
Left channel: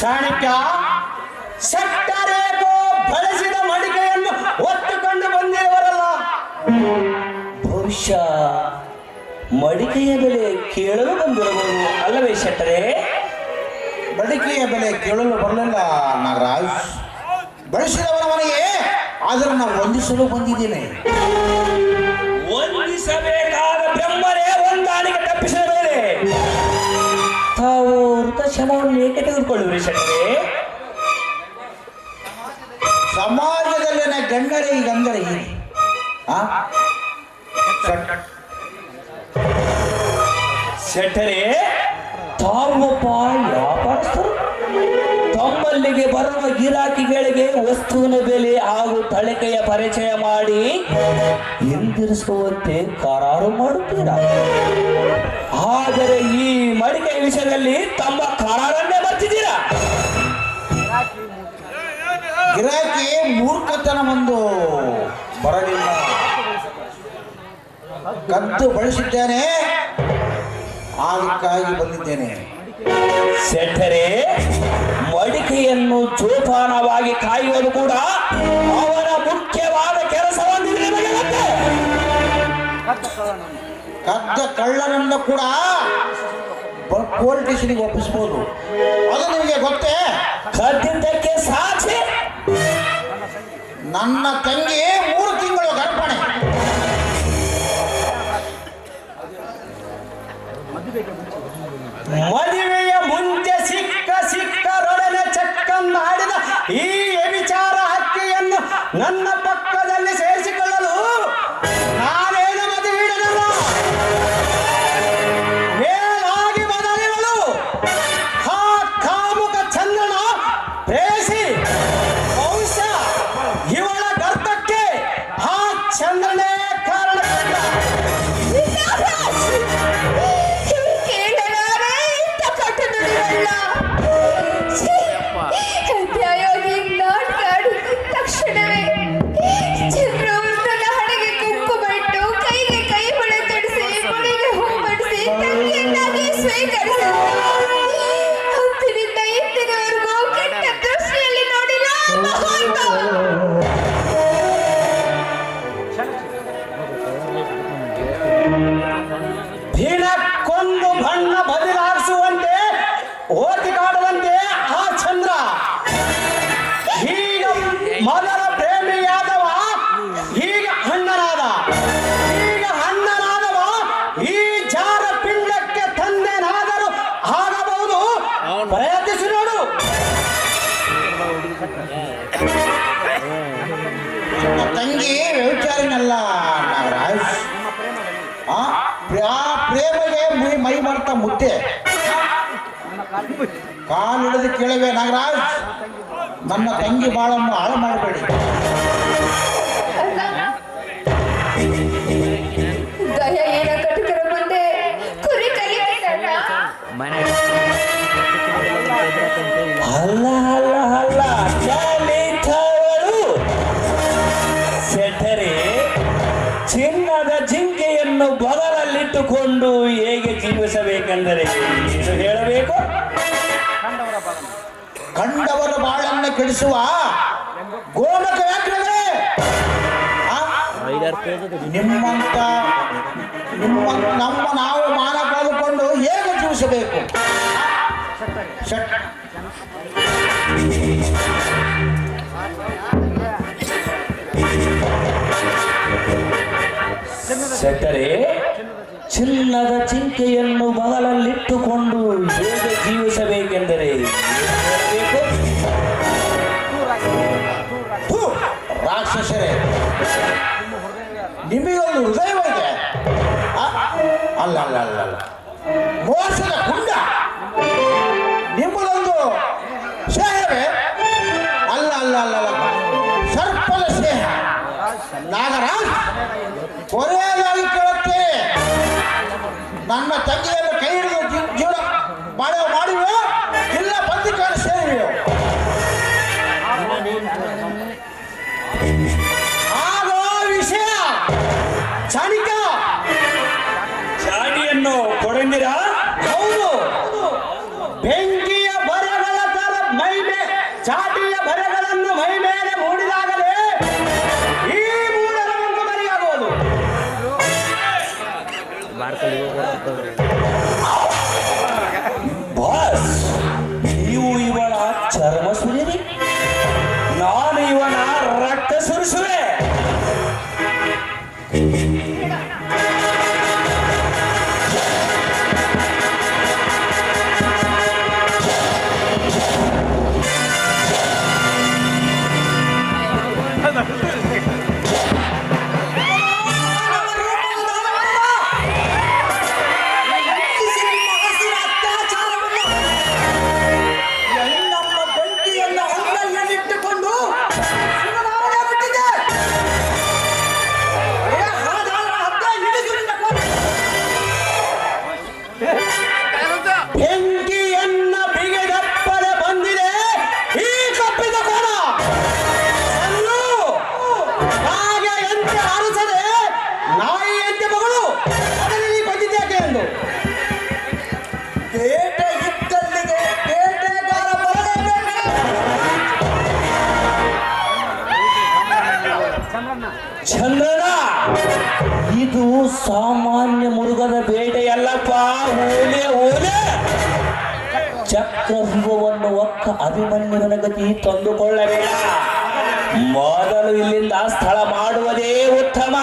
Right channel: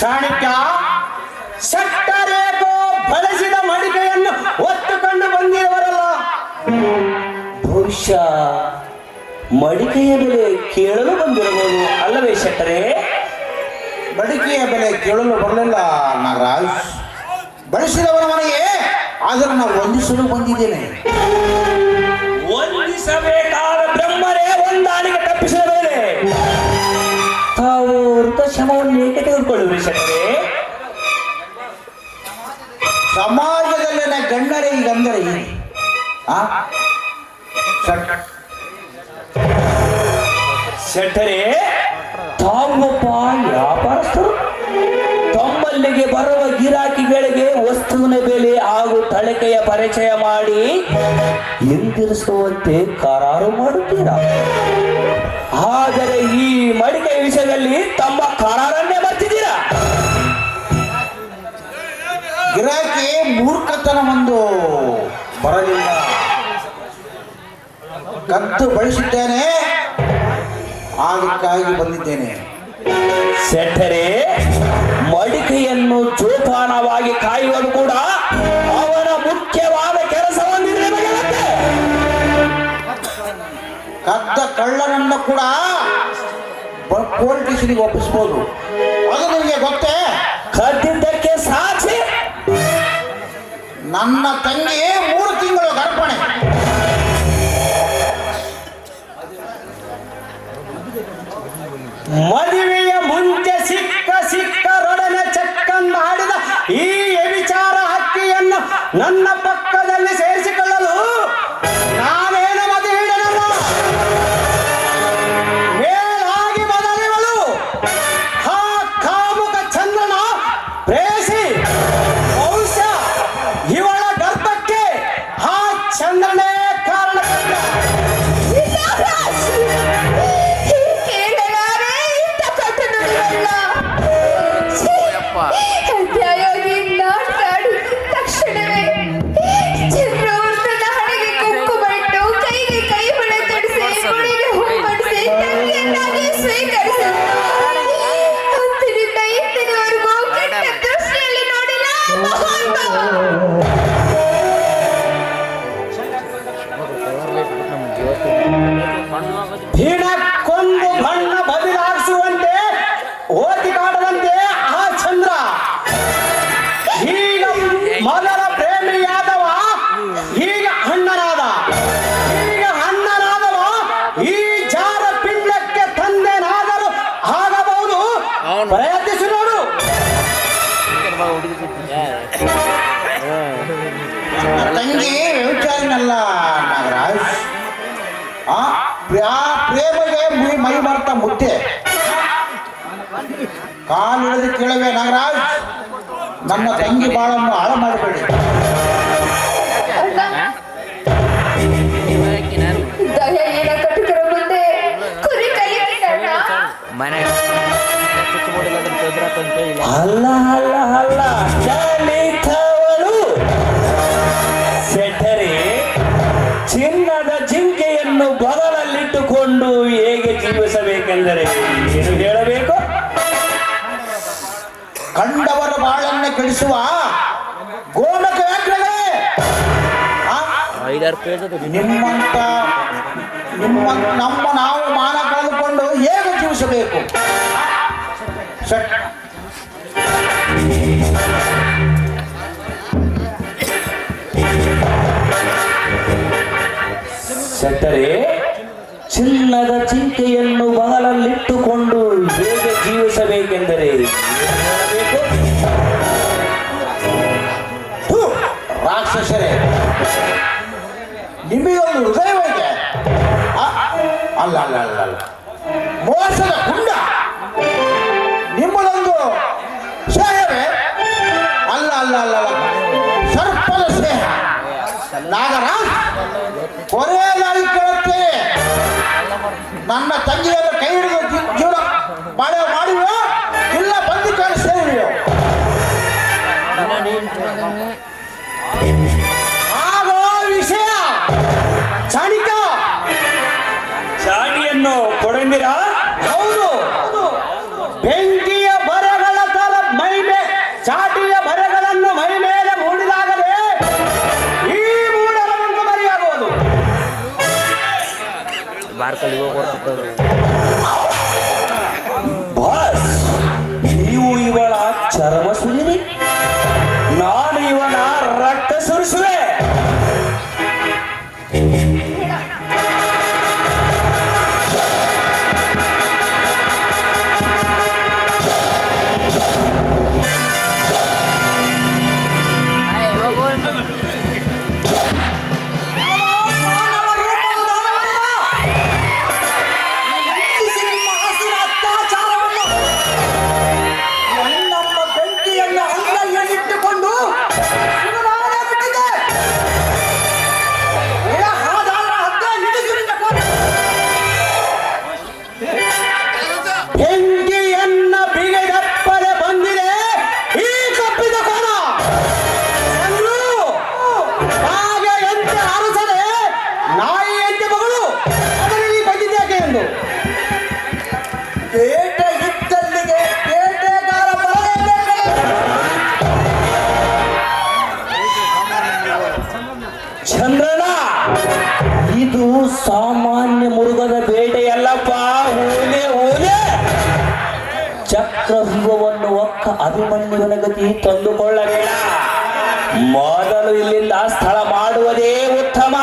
ಚಾಣಕ್ಯ, ಸಟ್ಟರೇಖೋ ಬಳಸಿದ ಮಡಿಕೆಯನ್ನು ಹೊತ್ತುಕೊಂಡು ಬಂದಿರುವರಲ್ಲ, ಬಹುಶಃ ಮಡಿಕೆಯ ಬೆಲೆ ಕೇಳಲು ಬಂದಿರಬಹುದು ಅಲ್ಲವೇ ಶೆಟ್ಟರೆ? ಬಡಿಕೆಯ ಬೆಲೆ ಕೇಳಲು ಬರಲಿಲ್ಲ ನಾಗರಾಜ್. ಬಳಸಿದವರ ಮನೆಗೆ ಆದರೂ ನಾವು ವಂದಿಸಲು ಬಂದಿದ್ದೇನೆ. ವಂದಿಸಬೇಕಾದ ಬ್ರಹ್ಮರೇ ಹೊಂದಾಣಿಕೆ ತಪ್ಪಿಸಿದ ಮೇಲೆ ತಾವು ವೃತಶಮವನ್ನು ಏಕೆ ತೆಗೆದುಕೊಳ್ಳುವಿರಿ ಶೆಟ್ಟರೆ? ಸಮಾಜದಲ್ಲಿನ ಗಣ್ಯರೇ ಈಗಂದರೆ ಶೆಟ್ಟರೆ, ತಾವೊಬ್ಬ ವ್ಯಾಪಾರಸ್ಥರು. ತಮ್ಮಲ್ಲಿಗೆ ಬರುವ ಗಿರಾಕಿಗಳಿಗೆ ವಸ್ತುವಿನ ಬೆಲೆ ಹಾಗೂ ತಳಿಕೆಯ ಪರಿಚಯ ಮಾಡಿ ಹಿಂದಿರಿಸುವಂತೆ ಕರಾರು ಮಾಡುತ್ತೀರಾ. ಆದರೆ ಈ ಮಡಿಕೆ ವಿಷಯದಲ್ಲಿ ತಮ್ಮ ಕರಾರನ್ನೇ ಬರ್ತಿದ್ದೀರಾ. ಗಿರಾಕಿ ಮೂರ್ಖತನ ಒಂದು ಬರಲಿಲ್ಲ. ಕದ್ದು ಬಳಸಿದ್ದೇನೆ, ಅದಕ್ಕಾಗಿ ಬಂದಿದ್ದೇನೆ. ಶೆಟ್ಟರೆ, ಮಡಿಕೆಯನ್ನು ಜೋಪಾನವಾಗಿ ಕಾಯುವುದು ಕೂಡ ಅವನ ಮುಖ್ಯವಾದ ಕೆಲಸವನ್ನು ನಿಮಗೆ ಗೊತ್ತೇ? ಕದ್ದ ಕಳ್ಳನನ್ನು ಕೂಡ ಪೊಲೀಸ್ ಸ್ಟೇಷನ್ಗೆ ಒಪ್ಪಿಸಬಹುದು, ಅದು ನಿಮಗೆ ಗೊತ್ತೇ? ಕದ್ದಿದ್ದಕ್ಕೆ ಸಾಕ್ಷಿ ನನ್ನ ತಂಗಿ 3 ತಿಂಗಳು ಗರ್ಭಣೆ. ಈ ಜಾರ ಪಿಂಡಕ್ಕೆ ತಂದೆನಾದರೂ ಆಗಬಹುದು. ಪ್ರಯತ್ನಿಸಿ ನೋಡು. ತಂಗಿ ವ್ಯವಚಾರನಲ್ಲ ನಾಗರಾಜ್. ಆ ಪ್ರೇಮಗೆ ಮೈ ಮರ್ತ ಮುದ್ದೆ ಕಾಲಿಳಿದು ಕೇಳವೆ ನಾಗರಾಜ್. ನನ್ನ ತಂಗಿ ಬಾಳನ್ನು ಹಾಳು ಮಾಡಬೇಡಿ. ದಯೆಯ ಕಟುಕರ ಮುಂದೆ ಕುರಿ ಕೈಯಲ್ಲ. ಅಲ್ಲ ಅಲ್ಲ ಅಲ್ಲ ಜಾಲಿಕವಳು ಸೆಟರೆ ಚಿನ್ನದ ಜಿಂಕೆಯನ್ನು ಬಗಲಲ್ಲಿಟ್ಟುಕೊಂಡು ಹೇಗೆ ಜೀವಿಸಬೇಕೆಂದರೆ ಏನು ಹೇಳಬೇಕು? ಕಂಡವರ ಬಾಳನ್ನು ಕೆಡಿಸುವ ಗೋಮಕ ವ್ಯಾಘ್ರವೇ. ನಿಮ್ಮಂತ ನಮ್ಮ ನಾವು ಮಾನ ಕಳೆದುಕೊಂಡು ಹೇಗೆ ಜೀವಿಸಬೇಕು? ಸೆಟರೆ ಚಿನ್ನದ ಜಿಂಕೆಯನ್ನು ಬಗಲಲ್ಲಿಟ್ಟುಕೊಂಡು ಹೇಗೆ ಜೀವಿಸಬೇಕೆಂದರೆ ರಾಕ್ಷಸರೇ, ನಿಮಗೊಂದು ಹೃದಯವಿದೆ. ಅಲ್ಲ ಅಲ್ಲ ಅಲ್ಲ ಅಲ್ಲ, ಮೋಸದ ಗುಂಡ ನಿಮ್ಮದೊಂದು ಸ್ನೇಹವೇ. ಅಲ್ಲ ಅಲ್ಲ ಅಲ್ಲ ಅಲ್ಲ, ಸರ್ಪದ ಸ್ನೇಹ. ನಾಗರಾಜ್, ಕೊನೆಯಾಗಿ ಕೇಳುತ್ತೆ, ನನ್ನ ತಂಗಿಯನ್ನು ಕೈ ಹಿಡಿದು ಜೀವನ ಮಾಡಿವೆ ಇಲ್ಲ ಬಂದಿದ್ದಾರೆ ಸೇರಿವೆ. ಆಗೋ ವಿಷಯ ಚಾಣಿಕ ಚಾಣಿಯನ್ನು ಕೊಡಂದಿರಾ? ಹೌದು, ಬೆಂಕಿಯ ಬರಗಳ ತರ ಚಾಟಿಯ ಬರಗಳನ್ನು ಮೈ ಮೇಲೆ ಮೂಡಿದಾಗಲೇ ಈ ಮೂಡರ ಒಂದು ಮರಿಯಾಗುವುದು. ಬಾಸ್, ನೀವು ಇವಳ ಚರ್ಮ ಸುಲಿವೆ, ನಾನು ಇವನ ರಕ್ತ ಸುರಿಸುವೆ. ಚಂದ್ರನ, ಇದು ಸಾಮಾನ್ಯ ಮೃಗದ ಬೇಟೆಯಲ್ಲಪ್ಪ. ಓಲೆ ಓಲೆ ಚಕ್ರವ್ಯೂಹವನ್ನು ಒಕ್ಕ ಅಭಿಮನ್ಯುವಿನ ಗತಿ ತಂದುಕೊಳ್ಳಬೇಡ. ಮೊದಲು ಇಲ್ಲಿಂದ ಸ್ಥಳ ಮಾಡುವುದೇ ಉತ್ತಮ.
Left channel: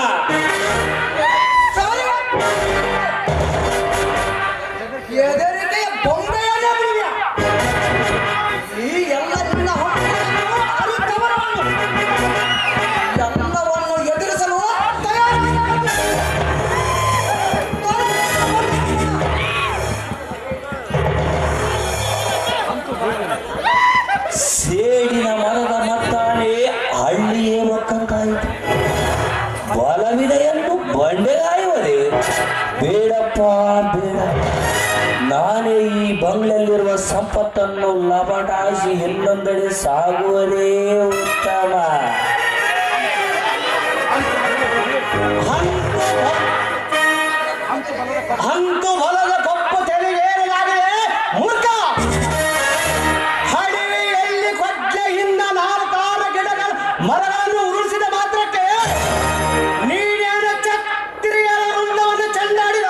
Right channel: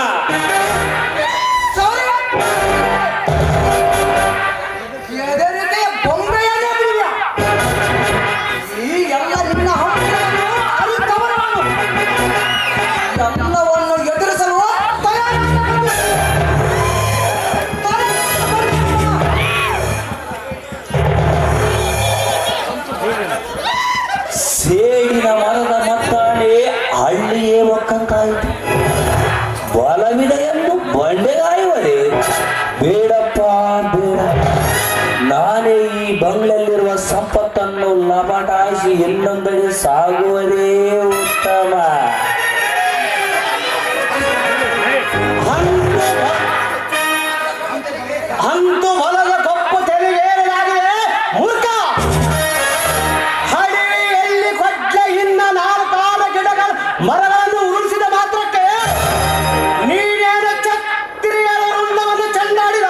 ಸೇಡಿನ ಮರದ ಮತ್ತಾನೆ ಹಳ್ಳಿಯೇ ಒಕ್ಕಂತಾಯಿತು. ಬಲವಿದೆಯನ್ನು ಬಂಡೆಗಾಯುವರೆ. ಬೇಡಪ್ಪ ಬೇಡ, ನಾನೇ ಈ ಬಂಗ್ಲಲ್ಲಿರುವ ಸಂಪತ್ತನ್ನು ಲಬಟಾಯಿಸಿ ಇನ್ನೊಂದೆಡೆ ಸಾಗುವುದೇ ಉತ್ತಮ. ಅಂತು ಹೊಲದ ಕಪ್ಪು ತೆರೆದೇನಾಗಿದೆ ಮೂರ್ಖ. ಹಳ್ಳಿಯಲ್ಲಿ ಕೊಚ್ಚೆಯಿಂದ 4 ಗಿಡಗಳ ಮರಗಳನ್ನು ಉರುಳಿಸಿದ ಮಾತ್ರಕ್ಕೆ ನೀನೇನು ಛತ್ರಿಯರ ಮುಂದವನ್ನು ಚೆಂಡಾಡಿದ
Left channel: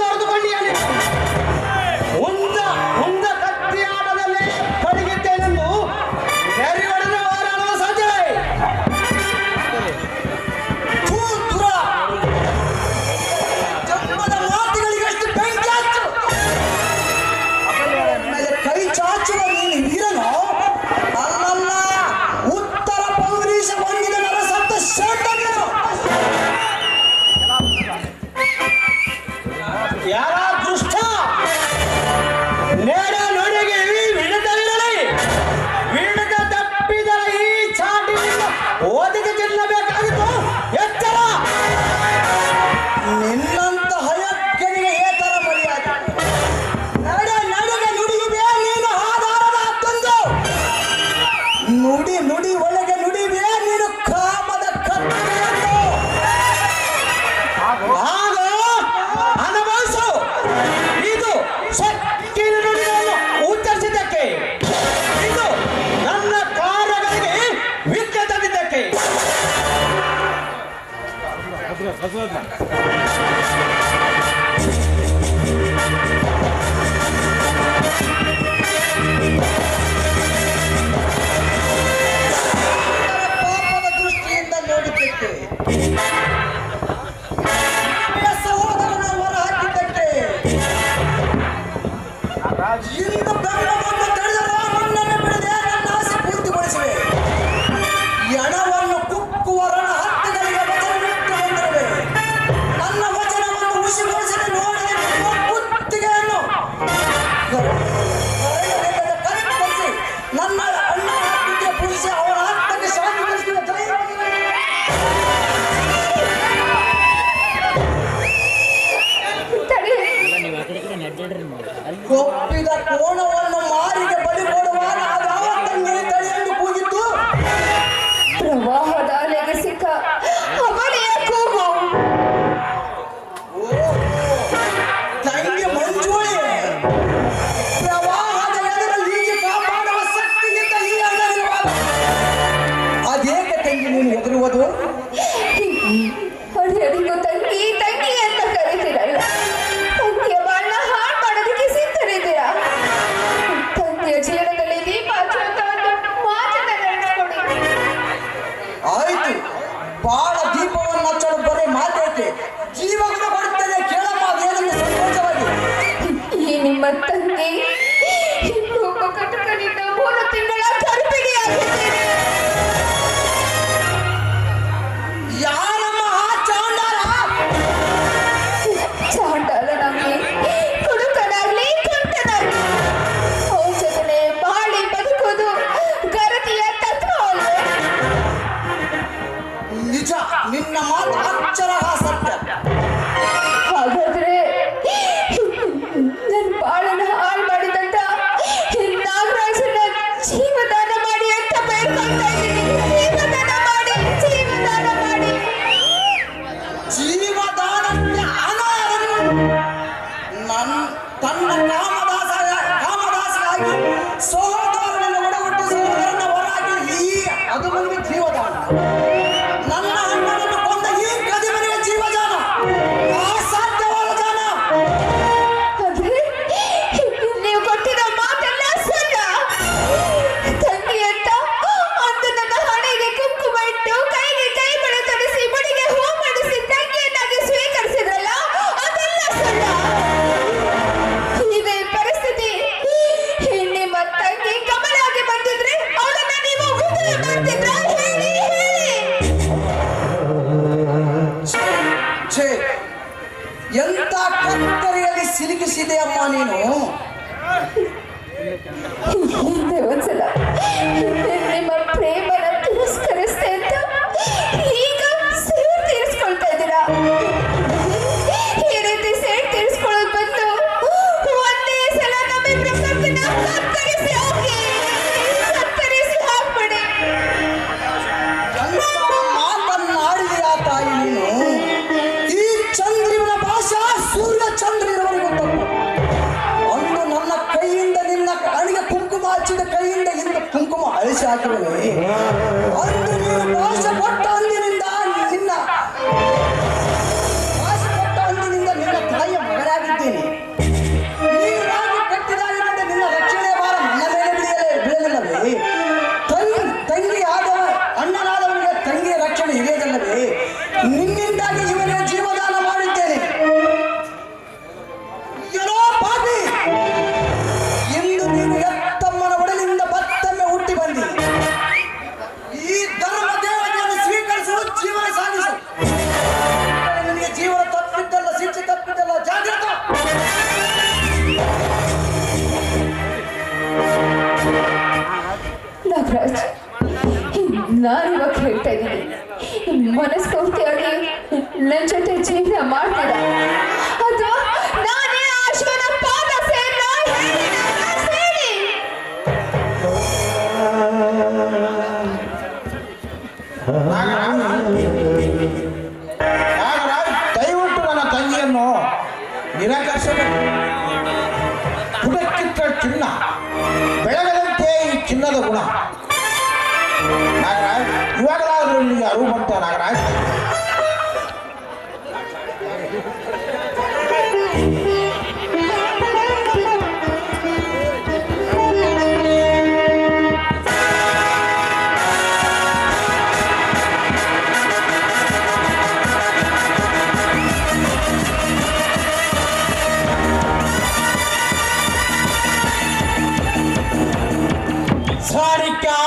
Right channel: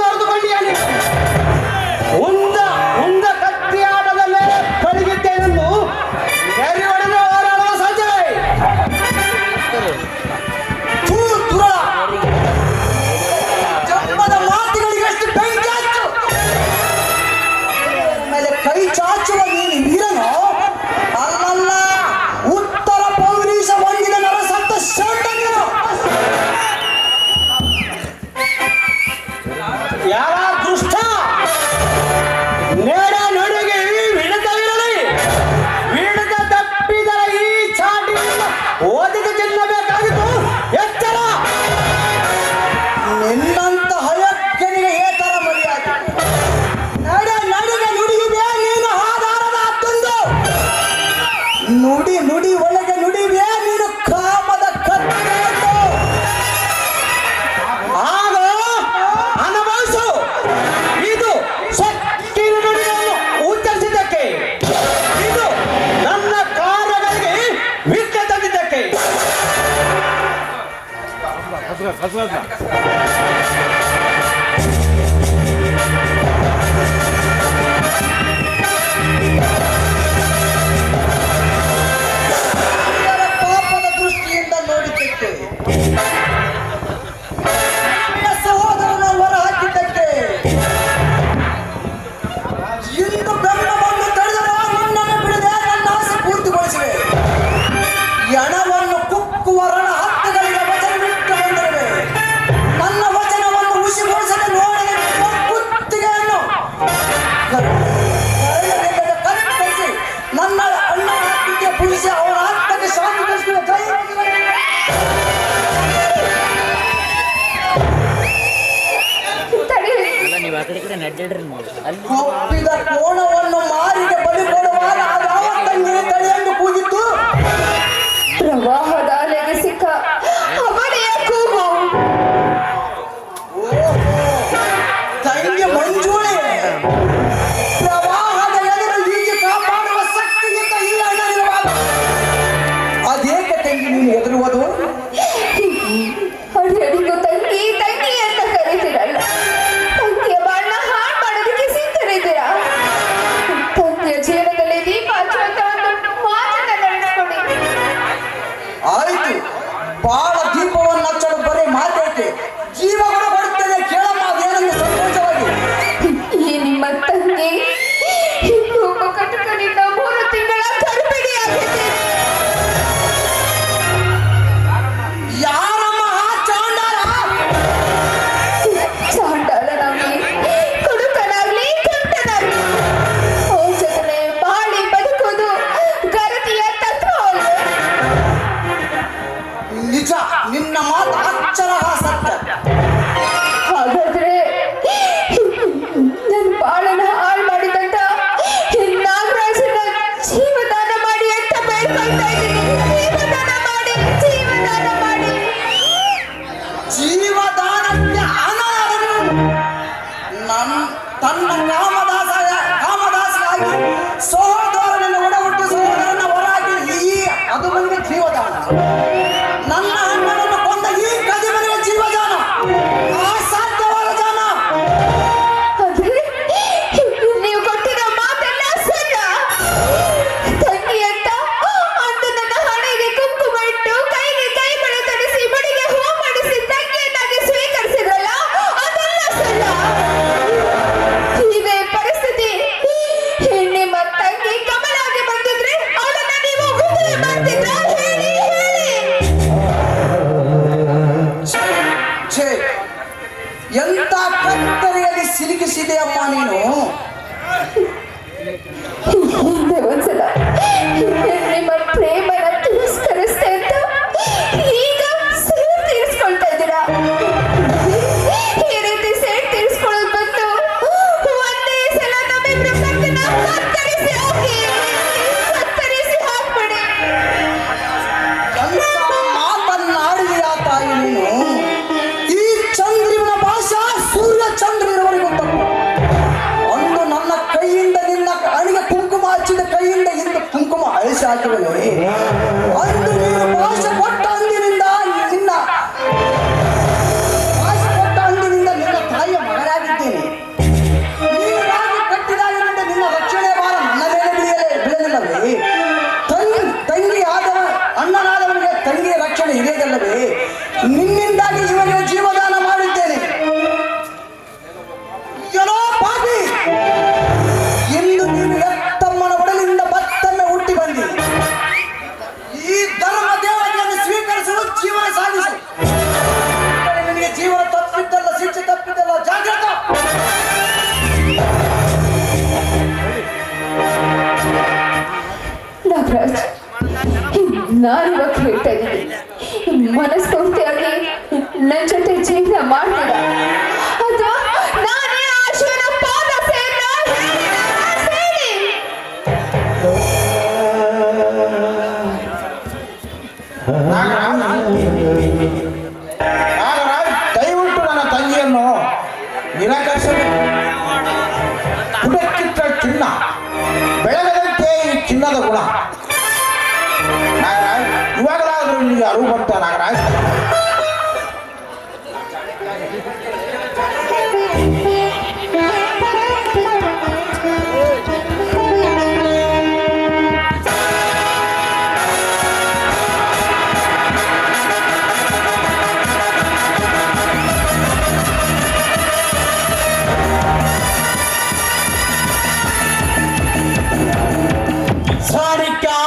ತೋರಿದುಕೊಂಡಿಯಾಗಿ ಉಂದ ಕತ್ತಿಯಾಟದಲ್ಲೇ ಕಡಿಗಿದ್ದೇನೆಂದು ಪಾಪದ ದೃಷ್ಟಿಯಿಂದ ನೋಡಿದ್ದಕ್ಕೆ ನನ್ನ ಸಹೋದರನ ಹೊರ ಹಾಕಿದ್ದಕ್ಕೆ ಇಂದು ಬೆಂಬಲವನ್ನು ತಡೆದರೆ ನನ್ನನ್ನು ಬಿಡದೆ ನನ್ನ ಆಸೆ ಪೂರ್ತಿಗೊಳಿಸಿದೆ. ಈ ಹಣವನ್ನು ಕುಕ್ಕುವರನ ಹತ್ತುಗಳಿಗೆ ವಚನವಿಟ್ಟು ಬಂದರೆ ನನ್ನ ವಚನವನ್ನು ಹುಸಿಗೊಳಿಸದೆ ನೋಡಿ ಕುತ್ತಿಗೆಯನ್ನು ಕತ್ತರಿಸಿ ನನ್ನ ಅಣ್ಣ ಹತ್ತಿಗೆ ಪುರುಷ ಅವರ ಹತ್ತಿಗೆ ಶಾಂತಿಗೊಳಿಸಿದ ಕೈ ಒಪ್ಪಿದ ಕೋಣವನ್ನು ಮಾರಿಗೆ ಬಲಿ ಕೊಡುವಾಗ ಅದಾವ ತಂಗಿ ತಡೆಯಲು ಕೂಗಿದ್ದು ಪ್ರವಾಹದ ಅಲೆಗೆ ಸಿಕ್ಕ ಅವನೆಯ ಕೂಗು. ತಂಗಿ ಮಂಜುಳಿ ಪ್ರವಾಹದ ಎದುರು ಈಜಿ ಕಾಪಾಡುವ ಶಕ್ತಿಗಿಂತ ಈ ಅಣ್ಣನಿರುವಾಗ ಅದೇಕೆ ತಂಗಿ ನೀನು ಎದುರುವುದು? ಅದೆಂದು ತಂಗಿ ತಂಗಿ ಅಂತ ಕರೀತೀರಲ್ಲ, ತಂಗಿಯ ಬಣ್ಣ ಹಾಳು ಮಾಡೋದಕ್ಕೆ ಸಿದ್ಧರಿದ್ದೀರಾ? ತಂಗಿಯ ಜೀವನದಲ್ಲಿ ದೀಪ ಹಚ್ಚುವಂತ ಒಂದು ಮಾತನ್ನ ನೆನೆಸ್ಕೊಳ್ಳಿ. ಆಯ್ತು, ಬಾಳ ದೀಪವನ್ನು ಹಚ್ಚಲು ಬರೀ ಮಾತೈತೆ, ಜೀವವನ್ನು ಕೊಡುತ್ತದೆ ಕೇಳಮ್ಮ ಅದೇನೆಂದು ಸಂತೋಷವಾಗಿ. ಈ ನಿಮ್ಮ ತಂಗಿ ಇನ್ನೊಬ್ಬ ಕಟಕನಿಂದ 3 ತಿಂಗಳ ಗರ್ಭಿಣಿಯಾಗಿದೆ. ಯಾರಮ್ಮ ಆ ಚಾಂಡಾಲ? ಚಾಂಡಾಲನಾಗ್ಲಿ, ಕುಡುಕನಾಗ್ಲಿ, ತುಂಟನಾಗ್ಲಿ, ಔಷಧನೆ ಬಾಳಿ ಬದುಕುವುದು ಗರತಿಯ ತತ್ವ ಅಲ್ವೇ? ನಿಜ, ನಿನ್ನ ಮಾತು ಅಕ್ಷರ ಸತ್ಯ. ಹಾಗಾದ್ರೆ ನನ್ನ ಬಾಳನ್ನ ಹಾಳು ಮಾಡಿದಂತ ನಾಗರಾಜನ ಜೀವದಾನ ಮಾಡಿ ಅಂತ ಬೇಡ್ಕೊಳ್ತಾ ಇದ್ದೀನಿ. ಜೀವದಾನ ಮಾಡಿ. ಜೀವದಾನಕ್ಕೆ ತನ್ನ ಕಾಮದಾಸರಾಗಿ ಸಹೋದರನನ್ನು ಒಡಹುಟ್ಟು ಸಹೋದರನ ಹೊರಗೆ ಈ ಅದು ಬಂದ ಜೀವದಾನ. ನನ್ನ ಅಣ್ಣನನ್ನು ಕೊಂದ ಈ ಕದಿಮನೆಯ ಜೀವದಾನ ಅಸಾಧ್ಯವಾದ ದಾನ. ಆದ್ರೆ ನೀವು ಕೊಟ್ಟಿರೋ ಮಾತೆಲ್ಲ ಸಣ್ಣ ತಂಗಿ ಅಂತ ಅಂದು ನನ್ನ ಹಣೆಗೆ ಕುಂಕುಮ ಇಟ್ಟು ಕೈಗೆ ಕೈ ಬಳೆ ತರಿಸಿ ಬಡಿಗೆ ಹೂ ಮಾಡಿಸಿ ತಂಗಿಯನ್ನಾಗಿ ಸ್ವೀಕರಿಸಿದ್ರಲ್ಲ, ಅದೆಲ್ಲ ಸಣ್ಣ. ಇದೇ ಪರಿಸ್ಥಿತಿ ನಿಮ್ಮ ತಂಗಿ ಕಮಲಾಗಿ ಬಂದಿದ್ರೆ ಅವಳನ್ನ ನೀವು ಮದುವೆ ಮಾಡ್ತಿದ್ರಾ? ಹೇಳಿ ಛೇ, ಎಂತ ಕತ್ತರಿಯಲ್ಲಿ ಸಿಲುಕಿಸಿದೆ ಅಮ್ಮ ನೀನು. ಹಿಂದೆ ಒಂದ್ಸಲ ನಿಮ್ಮ ಪ್ರೇಮನ ತಿರಸ್ಕರಿಸ್ತೆ ಅಂತ ಈಗ ಸೇರ್ ತೀರಿಸ್ಕೊಳ್ತಾ ಇದ್ದೀರಾ. ಈ ರೀತಿ ಸೇರ್ ತೀರಿಸ್ಕೊಳ್ಳೋದು ಬಂದು ಒಂದೇ ಸಲ ನಮ್ಮಿಬ್ರ ಕತ್ತನ್ನ ಕತ್ತರಿಸಿ ಹಾಕ್ಬಿಡಿ. ಎಂತ ಮಾತನ್ನಾಡಿದೆಯ ತಾಯಿ ನೀನು. ಈ ಚಂದ್ರನ ಭಾಷಾ ಸೂರ್ಯ ಚಂದ್ರನವರೆಗೂ ಗೊತ್ತಪ್ಪ. ಅಂದು ನನ್ನ ಕೈಯಿಂದ ನಿನ್ನ ಅಣಿಗೆ ಕುಂಕುಮ ಹಚ್ಚಿದ ಕೈಯಿಂದ ಇಂದ ಕುಂಕುಮ ಅಳಿಸಿ ಹಾಕಿರುವೆ. ಅಂದು ನೀನು ಭಾಷೆ ಕೊಟ್ಟ ಅಂದಿನಿಂದ ನಿನ್ನ ತಾಯಿಯ ಮಗನಾಗಿದ್ದೀನಿ. ನೀನಾಗಿ ಕಟ್ಟಿದಾಗಿನಿಂದ ನಿನ್ನ ರಕ್ಷಣೆ ಭಾರ ನನ್ನ ಮೇಲೆ ಬೀಳಲಿಲ್ಲವೇ? ತಂಗಿ ಆದವ ಅಣ್ಣನಾದವನಿಗೆ ತಂಗಿಯ ರಕ್ಷಣೆ ಹಿರಿಯದಲ್ಲವೇ? ನಿನ್ನಿಂದಾಗಿ ಇವನಿಗೆ ಜೀವದಾನ ಮಾಡಿದ್ದೇನೆ. ಏನೋ ಪಾಪಿ, ಇಂದು ನೀನು ಎತ್ತಮ್ಮನ ಒಡಲಿನಿಂದ ಮತ್ತೊಮ್ಮೆ ಹುಟ್ಟಿ ಬಂದಿ. ಈ ಧರ್ಮ ದೇವತೆಯನ್ನು ಸ್ವೀಕರಿಸಲು ಜೀವನ ಸಾಗಿಸು. ನಿನಗೆ ಜೀವನ ತಪ್ಪಿದ್ದಲ್ಲ, ಶಿಕ್ಷೆ ತಪ್ಪಿದ್ದಲ್ಲ, ಜಾಗ್ರತ. ನಾಗರಾಜ್, ನಾನಿವಾಗ ಹೇಳ್ತಾ ಇದ್ದೀನಿ, ಮನಸ್ಫೂರ್ತಿಯಾಗಿ ನನ್ನ ಜೊತೆ ಜೀವನ ಮಾಡ್ತೀರಾ ಅಥವಾ ನಾನೇ ಆಶ್ವನ ಪಾದ ಸೇರ ಹೇಳಿ. ದಯವಿಟ್ಟು ನನ್ನ ತಂಗಿಯನ್ನು ನಿರಾಕರಿಸಿ ಹುಡುಕಿಟ್ಟ ಚಿನ್ನ ಬೆಳಗದಂತೆ ಈ ಚಿನ್ನದ ಗುಣ. ಸಾರಿಕಾ,